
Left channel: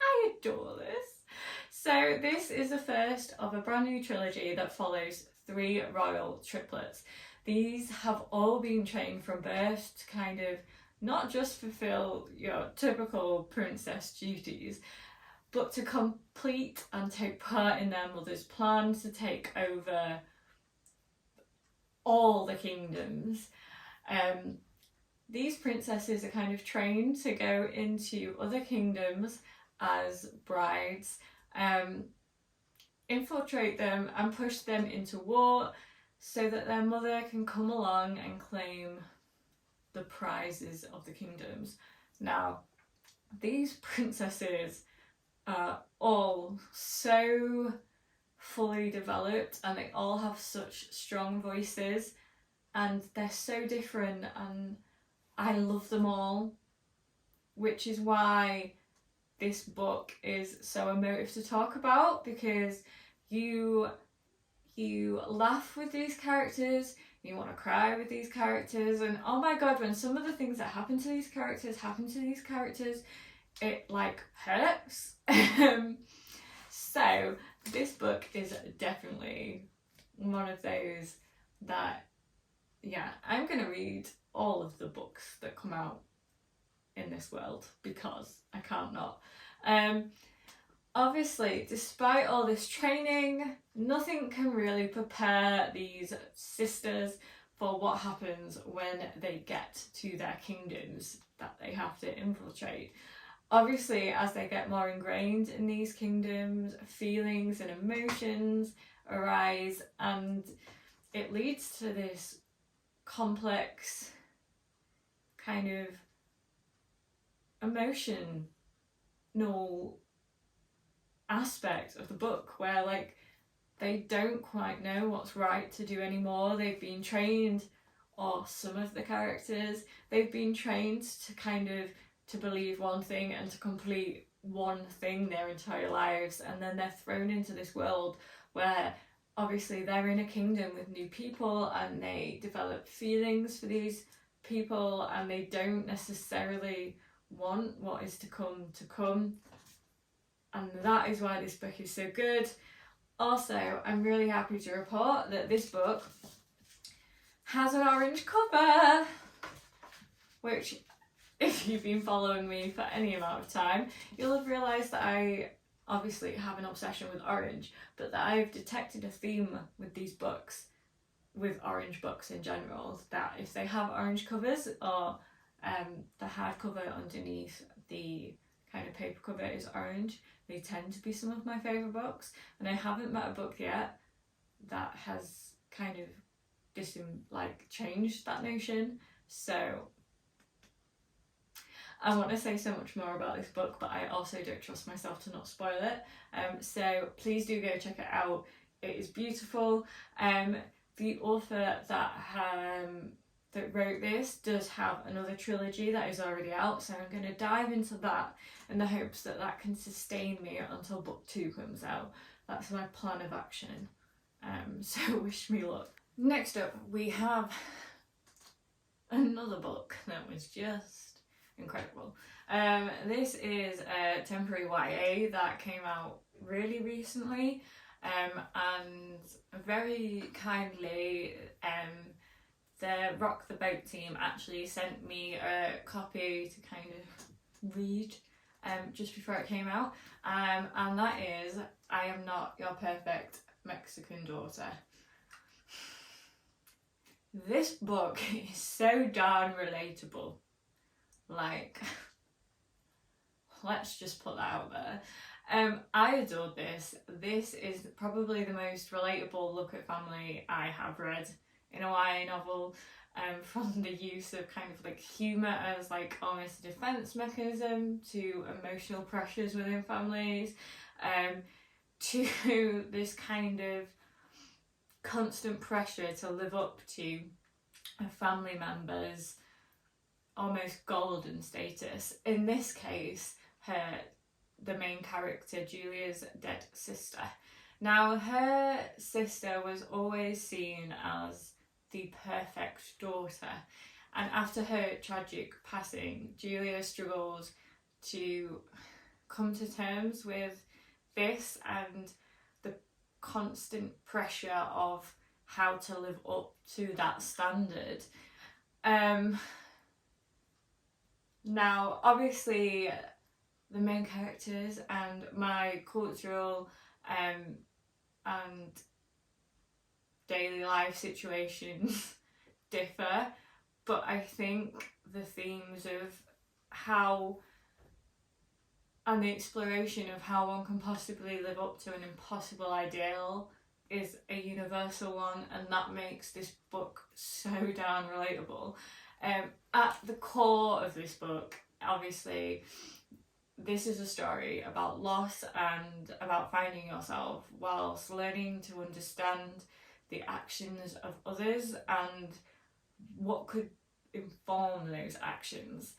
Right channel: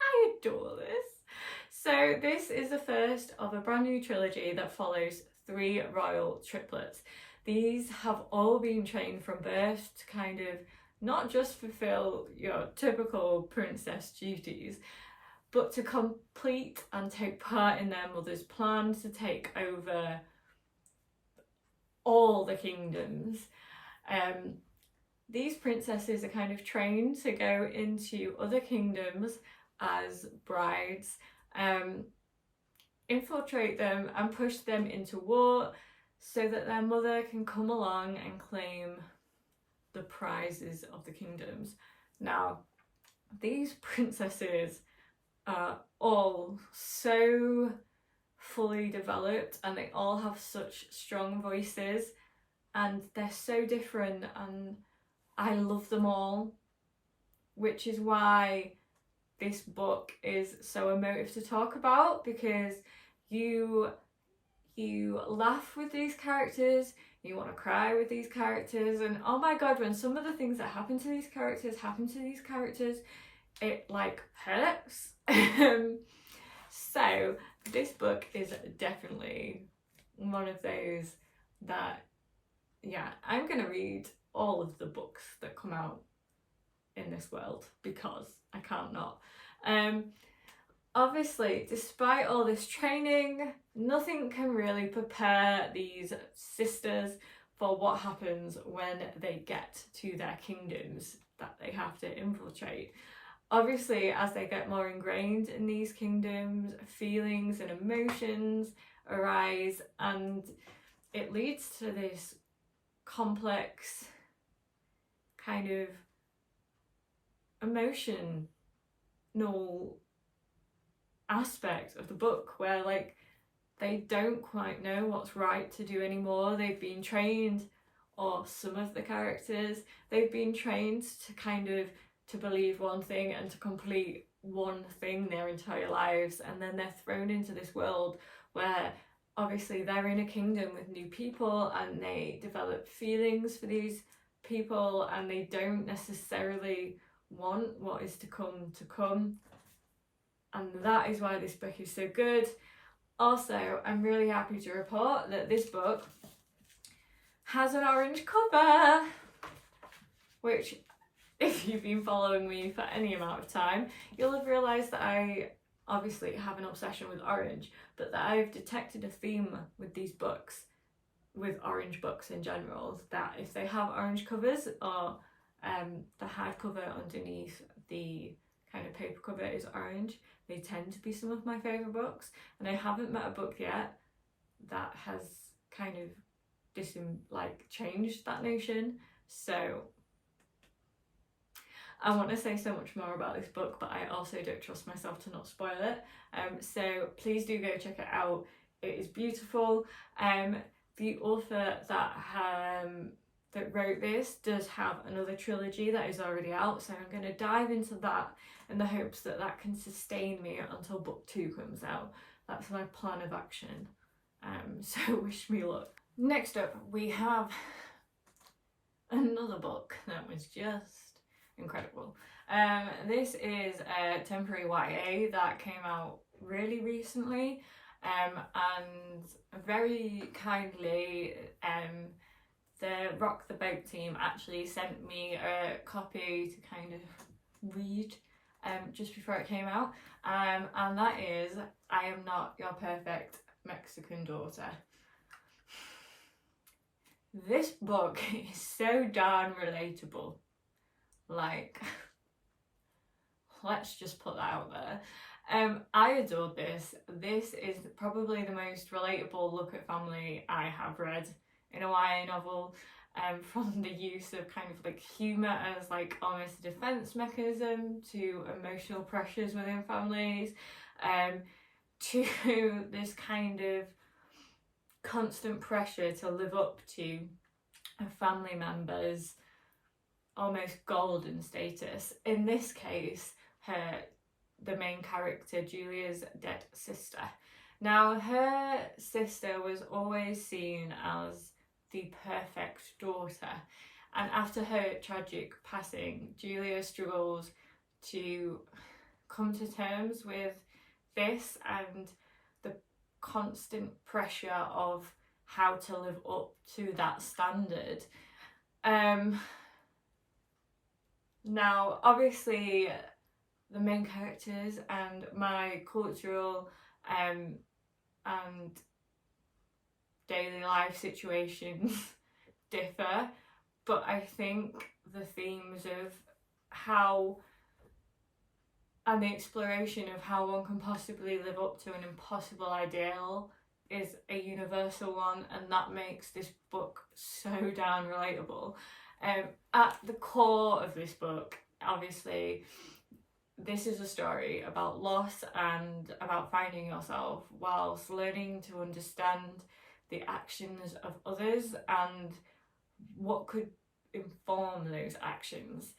I adore this. So this is the first of a brand new trilogy that follows 3 royal triplets. These have all been trained from birth to kind of not just fulfill your typical princess duties, but to complete and take part in their mother's plan to take over all the kingdoms. These princesses are kind of trained to go into other kingdoms as brides, infiltrate them and push them into war so that their mother can come along and claim the prizes of the kingdoms. Now, these princesses are all so fully developed and they all have such strong voices and they're so different, and I love them all, which is why this book is so emotive to talk about, because you laugh with these characters, you want to cry with these characters, and oh my god, when some of the things that happen to these characters, it like hurts. So this book is definitely one of those that, yeah, I'm gonna read all of the books that come out in this world because I can't not. Obviously, despite all this training, nothing can really prepare these sisters for what happens when they get to their kingdoms that they have to infiltrate. Obviously, as they get more ingrained in these kingdoms, feelings and emotions arise, and it leads to this complex kind of emotional aspect of the book where like they don't quite know what's right to do anymore. They've been trained, or some of the characters, they've been trained to kind of to believe one thing and to complete one thing their entire lives, and then they're thrown into this world where obviously they're in a kingdom with new people and they develop feelings for these people and they don't necessarily want what is to come. And that is why this book is so good. Also, I'm really happy to report that this book has an orange cover, which, if you've been following me for any amount of time, you'll have realised that I obviously have an obsession with orange, but that I've detected a theme with these books, with orange books in general, that if they have orange covers, or the hardcover underneath the kind of paper cover is orange, they tend to be some of my favourite books. And I haven't met a book yet that has kind of changed that notion. So I want to say so much more about this book, but I also don't trust myself to not spoil it. So please do go check it out. It is beautiful. The author that that wrote this does have another trilogy that is already out, so I'm going to dive into that in the hopes that that can sustain me until book 2 comes out. That's my plan of action. So wish me luck. Next up, we have another book that was just incredible. This is a temporary YA that came out really recently, and very kindly the Rock the Boat team actually sent me a copy to kind of read just before it came out, and that is I Am Not Your Perfect Mexican Daughter. This book is so darn relatable. Like, let's just put that out there. I adored this. This is probably the most relatable look at family I have read in a YA novel, from the use of kind of like humour as like almost a defence mechanism to emotional pressures within families, to this kind of constant pressure to live up to a family member's almost golden status. In this case, the main character, Julia's dead sister. Now, her sister was always seen as the perfect daughter, and after her tragic passing, Julia struggles to come to terms with this and the constant pressure of how to live up to that standard. Now, obviously, the main characters and my cultural and daily life situations differ, but I think the themes of how and the exploration of how one can possibly live up to an impossible ideal is a universal one, and that makes this book so darn relatable. At the core of this book, obviously, this is a story about loss and about finding yourself whilst learning to understand the actions of others and what could inform those actions.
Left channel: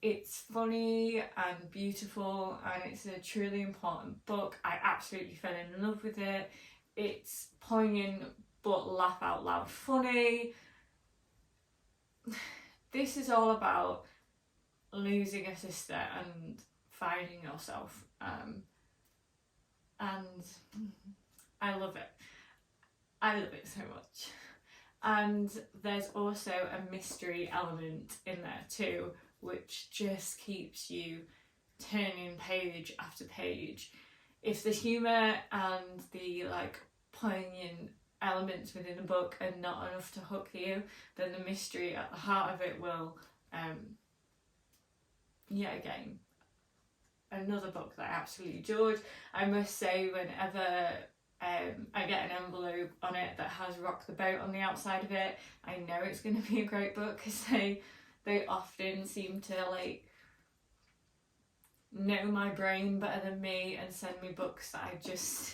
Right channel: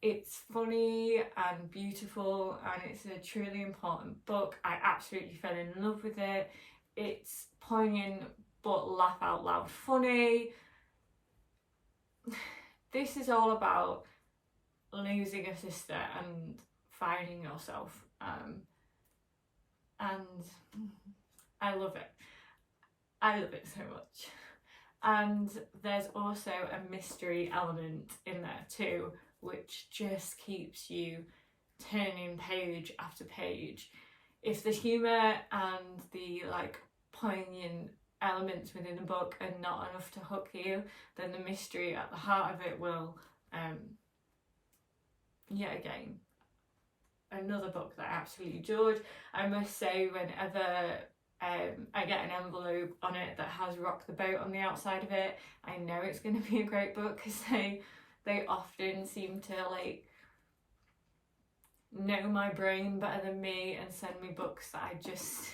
It's funny and beautiful, and it's a truly important book. I absolutely fell in love with it. It's poignant but laugh out loud funny. This is all about losing a sister and finding yourself, and I love it. I love it so much. And there's also a mystery element in there too, which just keeps you turning page after page. If the humour and the like poignant elements within the book are not enough to hook you, then the mystery at the heart of it will. Yet again, another book that I absolutely adored. I must say, whenever I get an envelope on it that has Rock the Boat on the outside of it, I know it's going to be a great book, because they often seem to like know my brain better than me and send me books that I just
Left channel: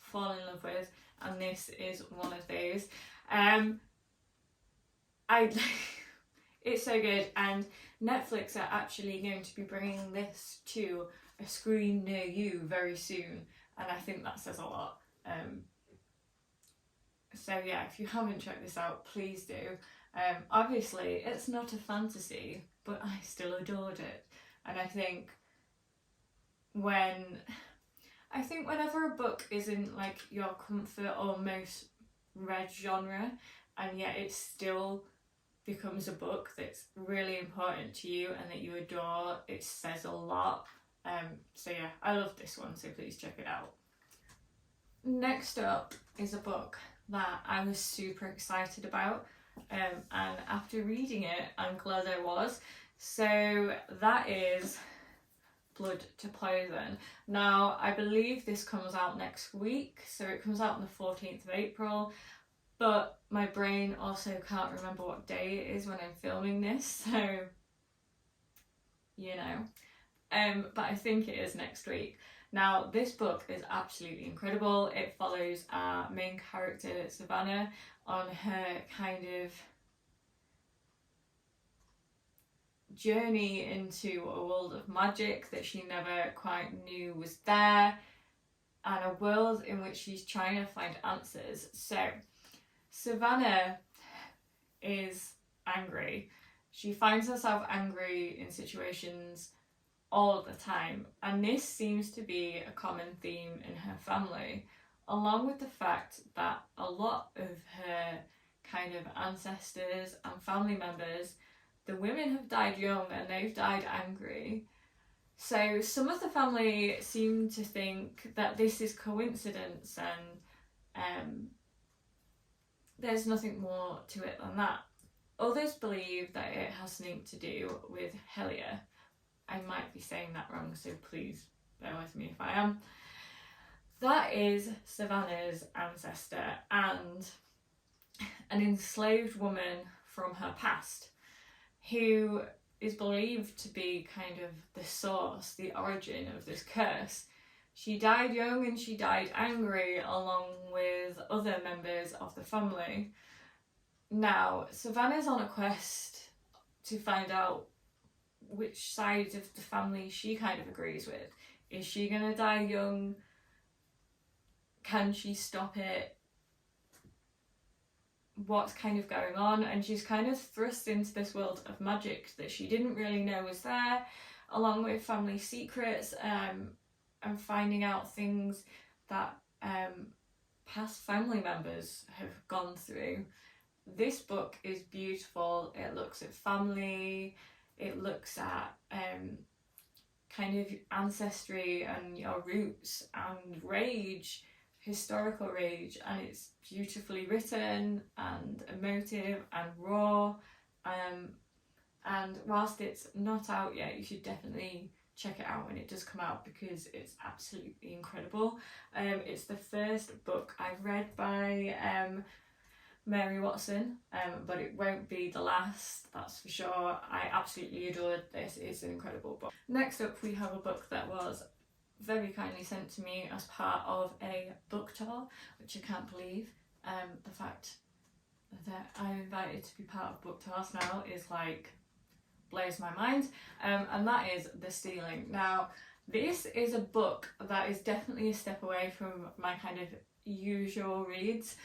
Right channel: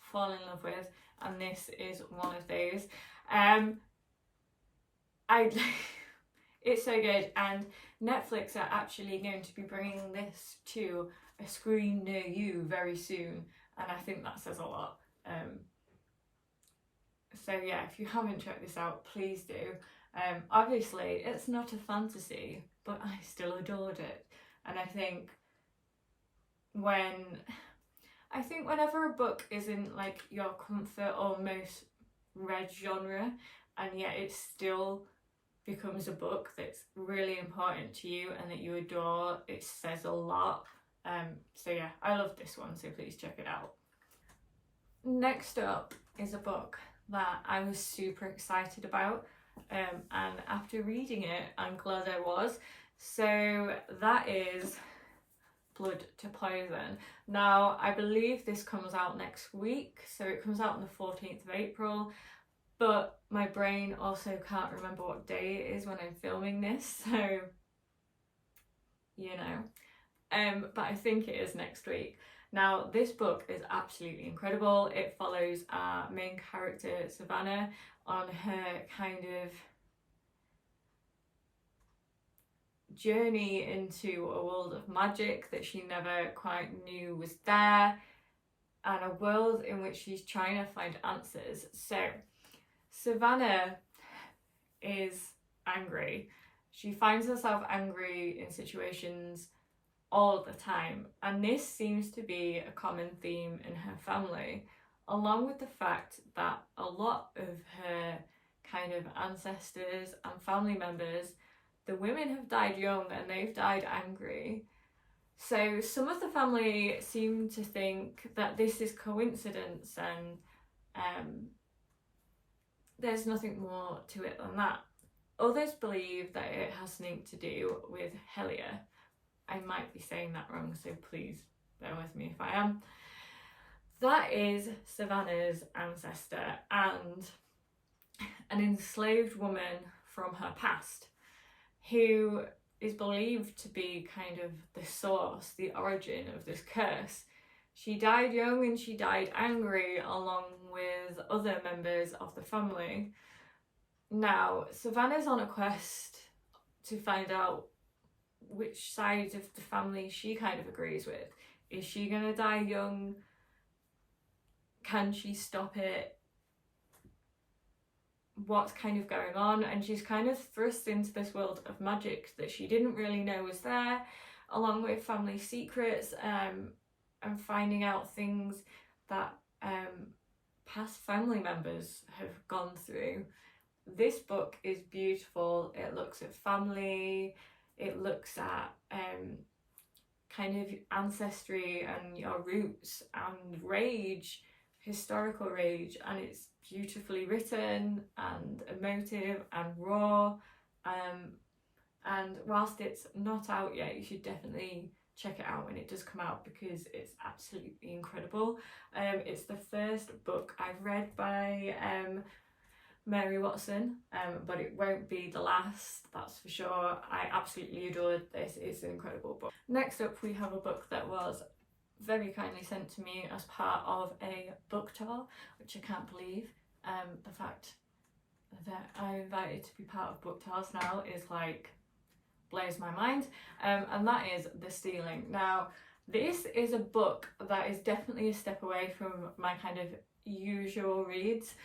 fall in love with, and this is one of those. It's so good, and Netflix are actually going to be bringing this to a screen near you very soon, and I think that says a lot. So yeah, if you haven't checked this out, please do. Obviously, it's not a fantasy, but I still adored it, and I think whenever a book isn't like your comfort or most read genre, and yet it still becomes a book that's really important to you and that you adore, it says a lot. So yeah, I love this one, so please check it out. Next up is a book that I was super excited about, and after reading it, I'm glad I was. So that is Blood to Poison. Now, I believe this comes out next week, so it comes out on the 14th of April, but my brain also can't remember what day it is when I'm filming this, so you know. But I think it is next week. Now, this book is absolutely incredible. It follows our main character, Savannah, on her kind of journey into a world of magic that she never quite knew was there, and a world in which she's trying to find answers. So Savannah is angry. She finds herself angry in situations all the time, and this seems to be a common theme in her family, along with the fact that a lot of her kind of ancestors and family members, the women have died young and they've died angry. So some of the family seem to think that this is coincidence, and there's nothing more to it than that. Others believe that it has something to do with Helia. I might be saying that wrong, so please bear with me if I am. That is Savannah's ancestor and an enslaved woman from her past who is believed to be kind of the source, the origin of this curse. She died young and she died angry along with other members of the family. Now, Savannah's on a quest to find out which side of the family she kind of agrees with. Is she gonna die young? Can she stop it? What's kind of going on? And she's kind of thrust into this world of magic that she didn't really know was there, along with family secrets, and finding out things that past family members have gone through. This book is beautiful. It looks at family, it looks at kind of ancestry and your roots and rage, historical rage, and it's beautifully written and emotive and raw, and whilst it's not out yet, you should definitely check it out when it does come out because it's absolutely incredible. It's the first book I've read by Mary Watson, but it won't be the last, that's for sure. I absolutely adored this. It's an incredible book. Next up, we have a book that was very kindly sent to me as part of a book tour, which I can't believe. The fact that I'm invited to be part of book tours now is like blows my mind, and that is The Stealing. Now, this is a book that is definitely a step away from my kind of usual reads,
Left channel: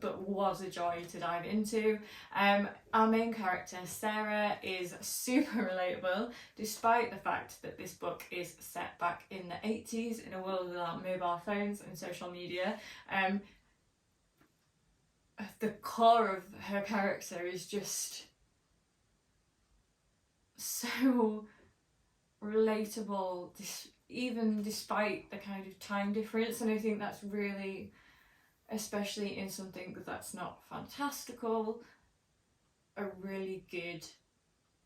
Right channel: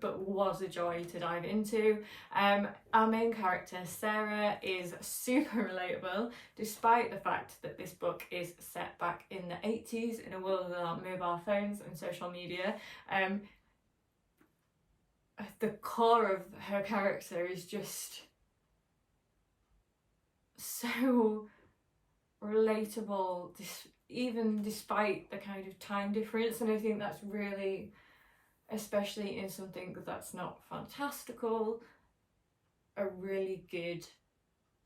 but was a joy to dive into. Our main character, Sarah, is super relatable, despite the fact that this book is set back in the 80s in a world without mobile phones and social media. The core of her character is just so relatable, even despite the kind of time difference, and I think that's really, especially in something that's not fantastical, a really good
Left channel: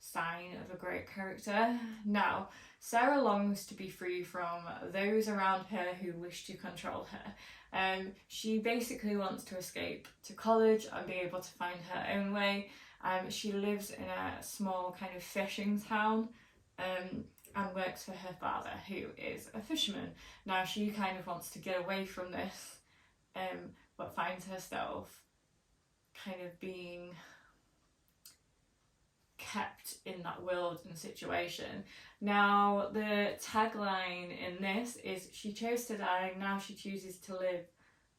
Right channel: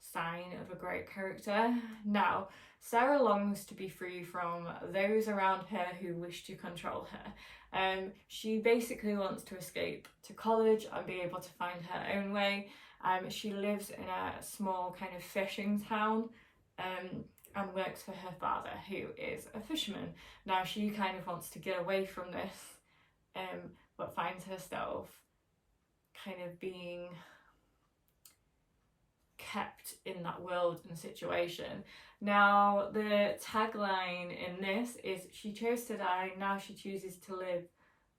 sign of a great character. Now, Sarah longs to be free from those around her who wish to control her. She basically wants to escape to college and be able to find her own way. She lives in a small kind of fishing town, and works for her father, who is a fisherman. Now, she kind of wants to get away from this, but finds herself kind of being kept in that world and situation. Now, the tagline in this is, "She chose to die, now she chooses to live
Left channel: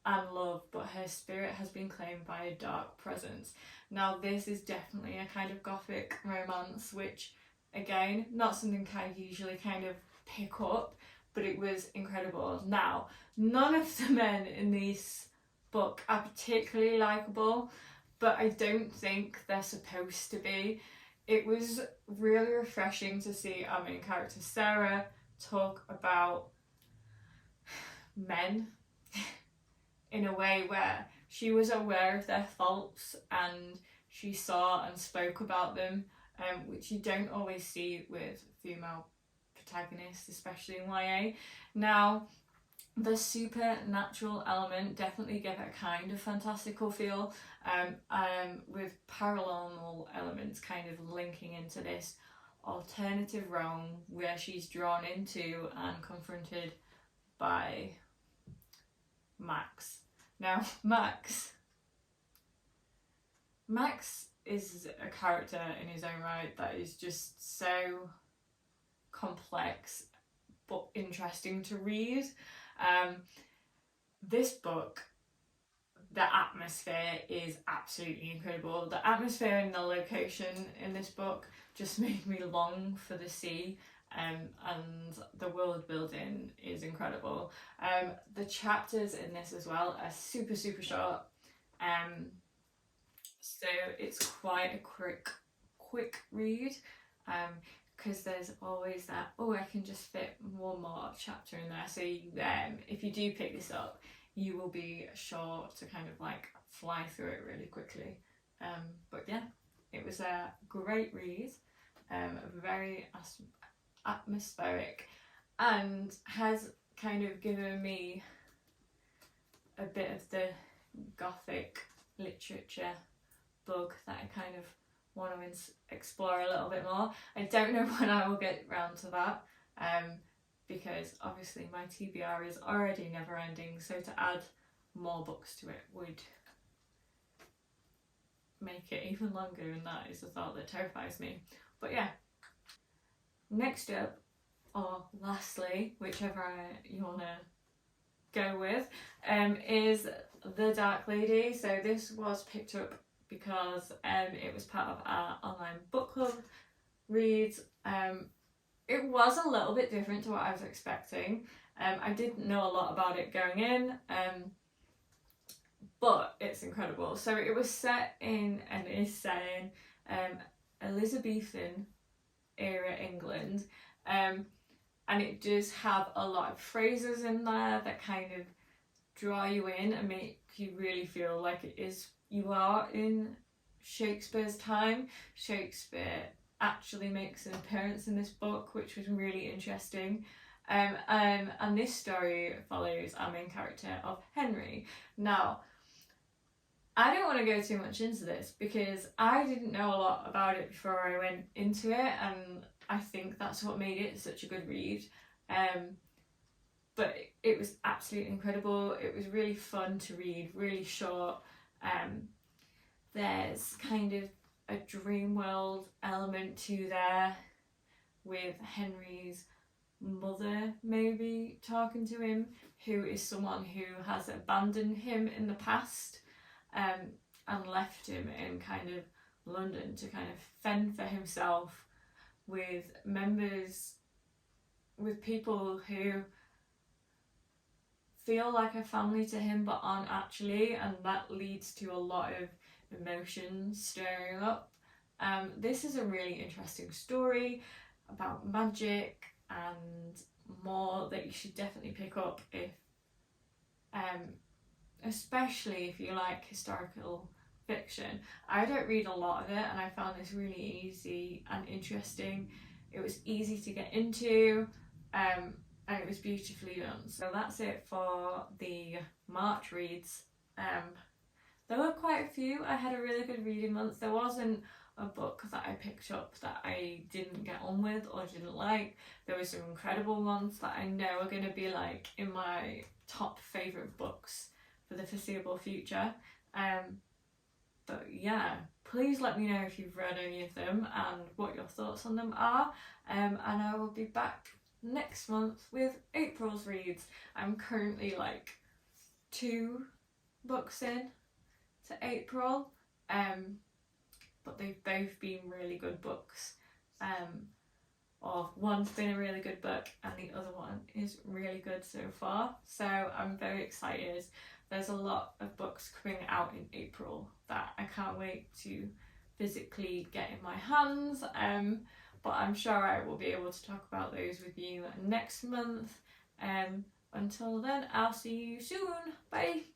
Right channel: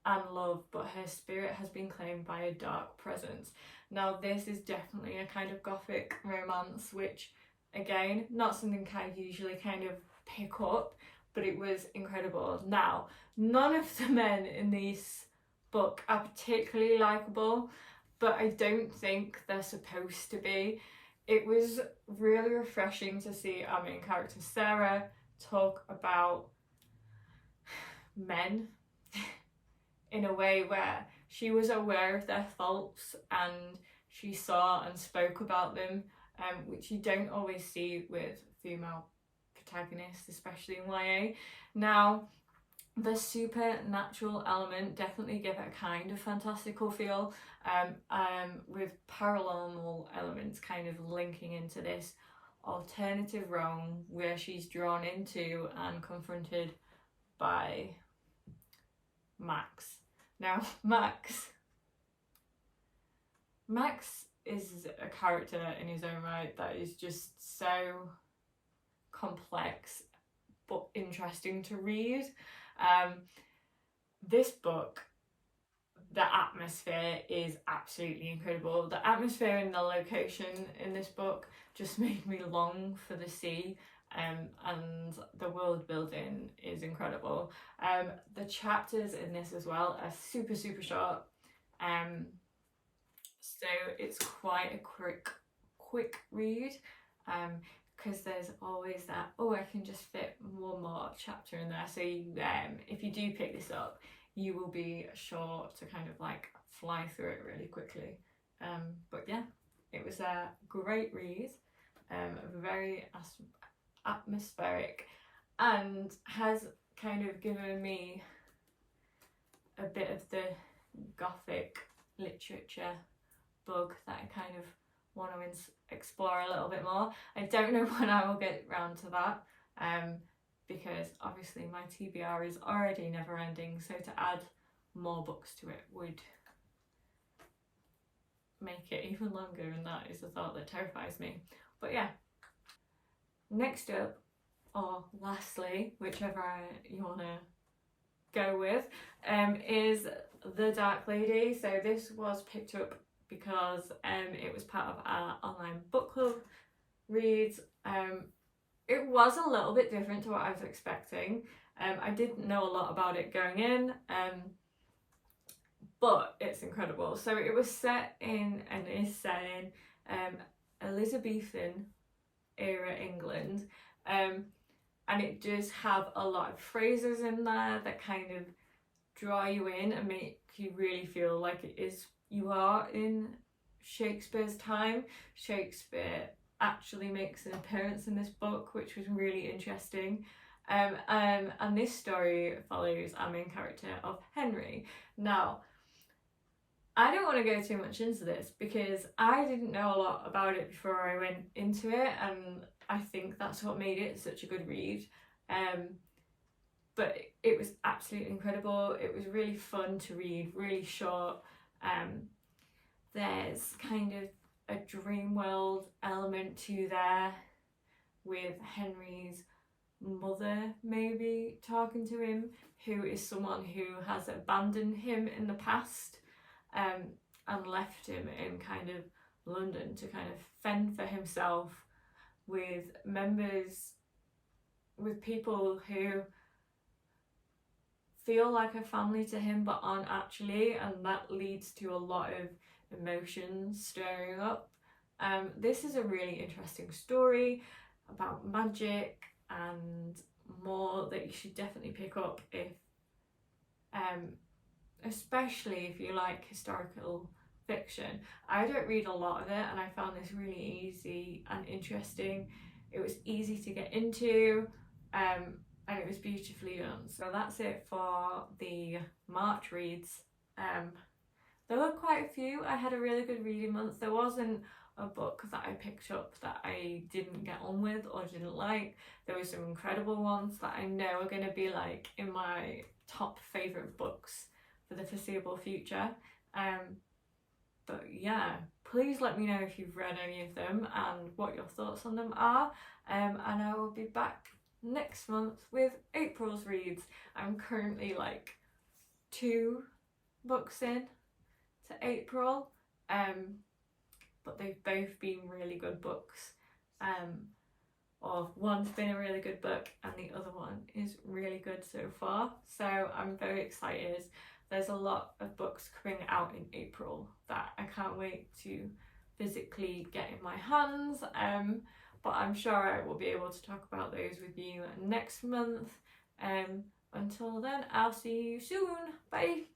and love, but her spirit has been claimed by a dark presence." Now, this is definitely a kind of gothic romance, which, again, not something I usually kind of pick up, but it was incredible. Now, none of the men in this book are particularly likeable, but I don't think they're supposed to be. It was really refreshing to see our main character Sarah talk about men in a way where she was aware of their faults and she saw and spoke about them, which you don't always see with female protagonists, especially in YA. Now, the supernatural element definitely give it a kind of fantastical feel, with paranormal elements kind of linking into this alternative realm where she's drawn into and confronted by Max. Now, Max is a character in his own right that is just so complex but interesting to read. This book, the atmosphere is absolutely incredible. The atmosphere and the location in this book just made me long for the sea, and the world building is incredible. The chapters in this as well are super short, so it's quite a quick read, because there's always that, oh, I can just fit one more chapter in there. So if you do pick this up, you will be sure to kind of like fly through it really quickly. But yeah, it was a great read, very atmospheric, and has kind of given me a bit of the gothic literature bug that I kind of want to explore a little bit more. I don't know when I will get round to that, because obviously my TBR is already never ending, so to add more books to it would make it even longer, and that is a thought that terrifies me. But yeah, next up, or lastly, whichever you want to go with, is The Dark Lady. So this was picked up because it was part of our online book club reads. It was a little bit different to what I was expecting. I didn't know a lot about it going in, but it's incredible. So it was set in, and is set in, Elizabethan era England, and it does have a lot of phrases in there that kind of draw you in and make you really feel like you are in Shakespeare's time. Shakespeare actually makes an appearance in this book, which was really interesting. And this story follows our main character of Henry. Now, I don't want to go too much into this because I didn't know a lot about it before I went into it, and I think that's what made it such a good read. But it was absolutely incredible. It was really fun to read, really short. There's kind of a dream world element to there, with Henry's mother maybe talking to him, who is someone who has abandoned him in the past, and left him in kind of London to kind of fend for himself with people who feel like a family to him but aren't actually, and that leads to a lot of emotions stirring up. This is a really interesting story about magic and more that you should definitely pick up if especially if you like historical fiction. I don't read a lot of it, and I found this really easy and interesting. It was easy to get into, and it was beautifully done. So that's it for the March reads. There were quite a few. I had a really good reading month. There wasn't a book that I picked up that I didn't get on with or didn't like. There were some incredible ones that I know are going to be like in my top favourite books for the foreseeable future. But yeah, please let me know if you've read any of them and what your thoughts on them are. And I will be back next month with April's reads. I'm currently like 2 books in to April, but they've both been really good books. Or one's been a really good book and the other one is really good so far. So I'm very excited. There's a lot of books coming out in April that I can't wait to physically get in my hands. But I'm sure I will be able to talk about those with you next month. Until then, I'll see you soon. Bye.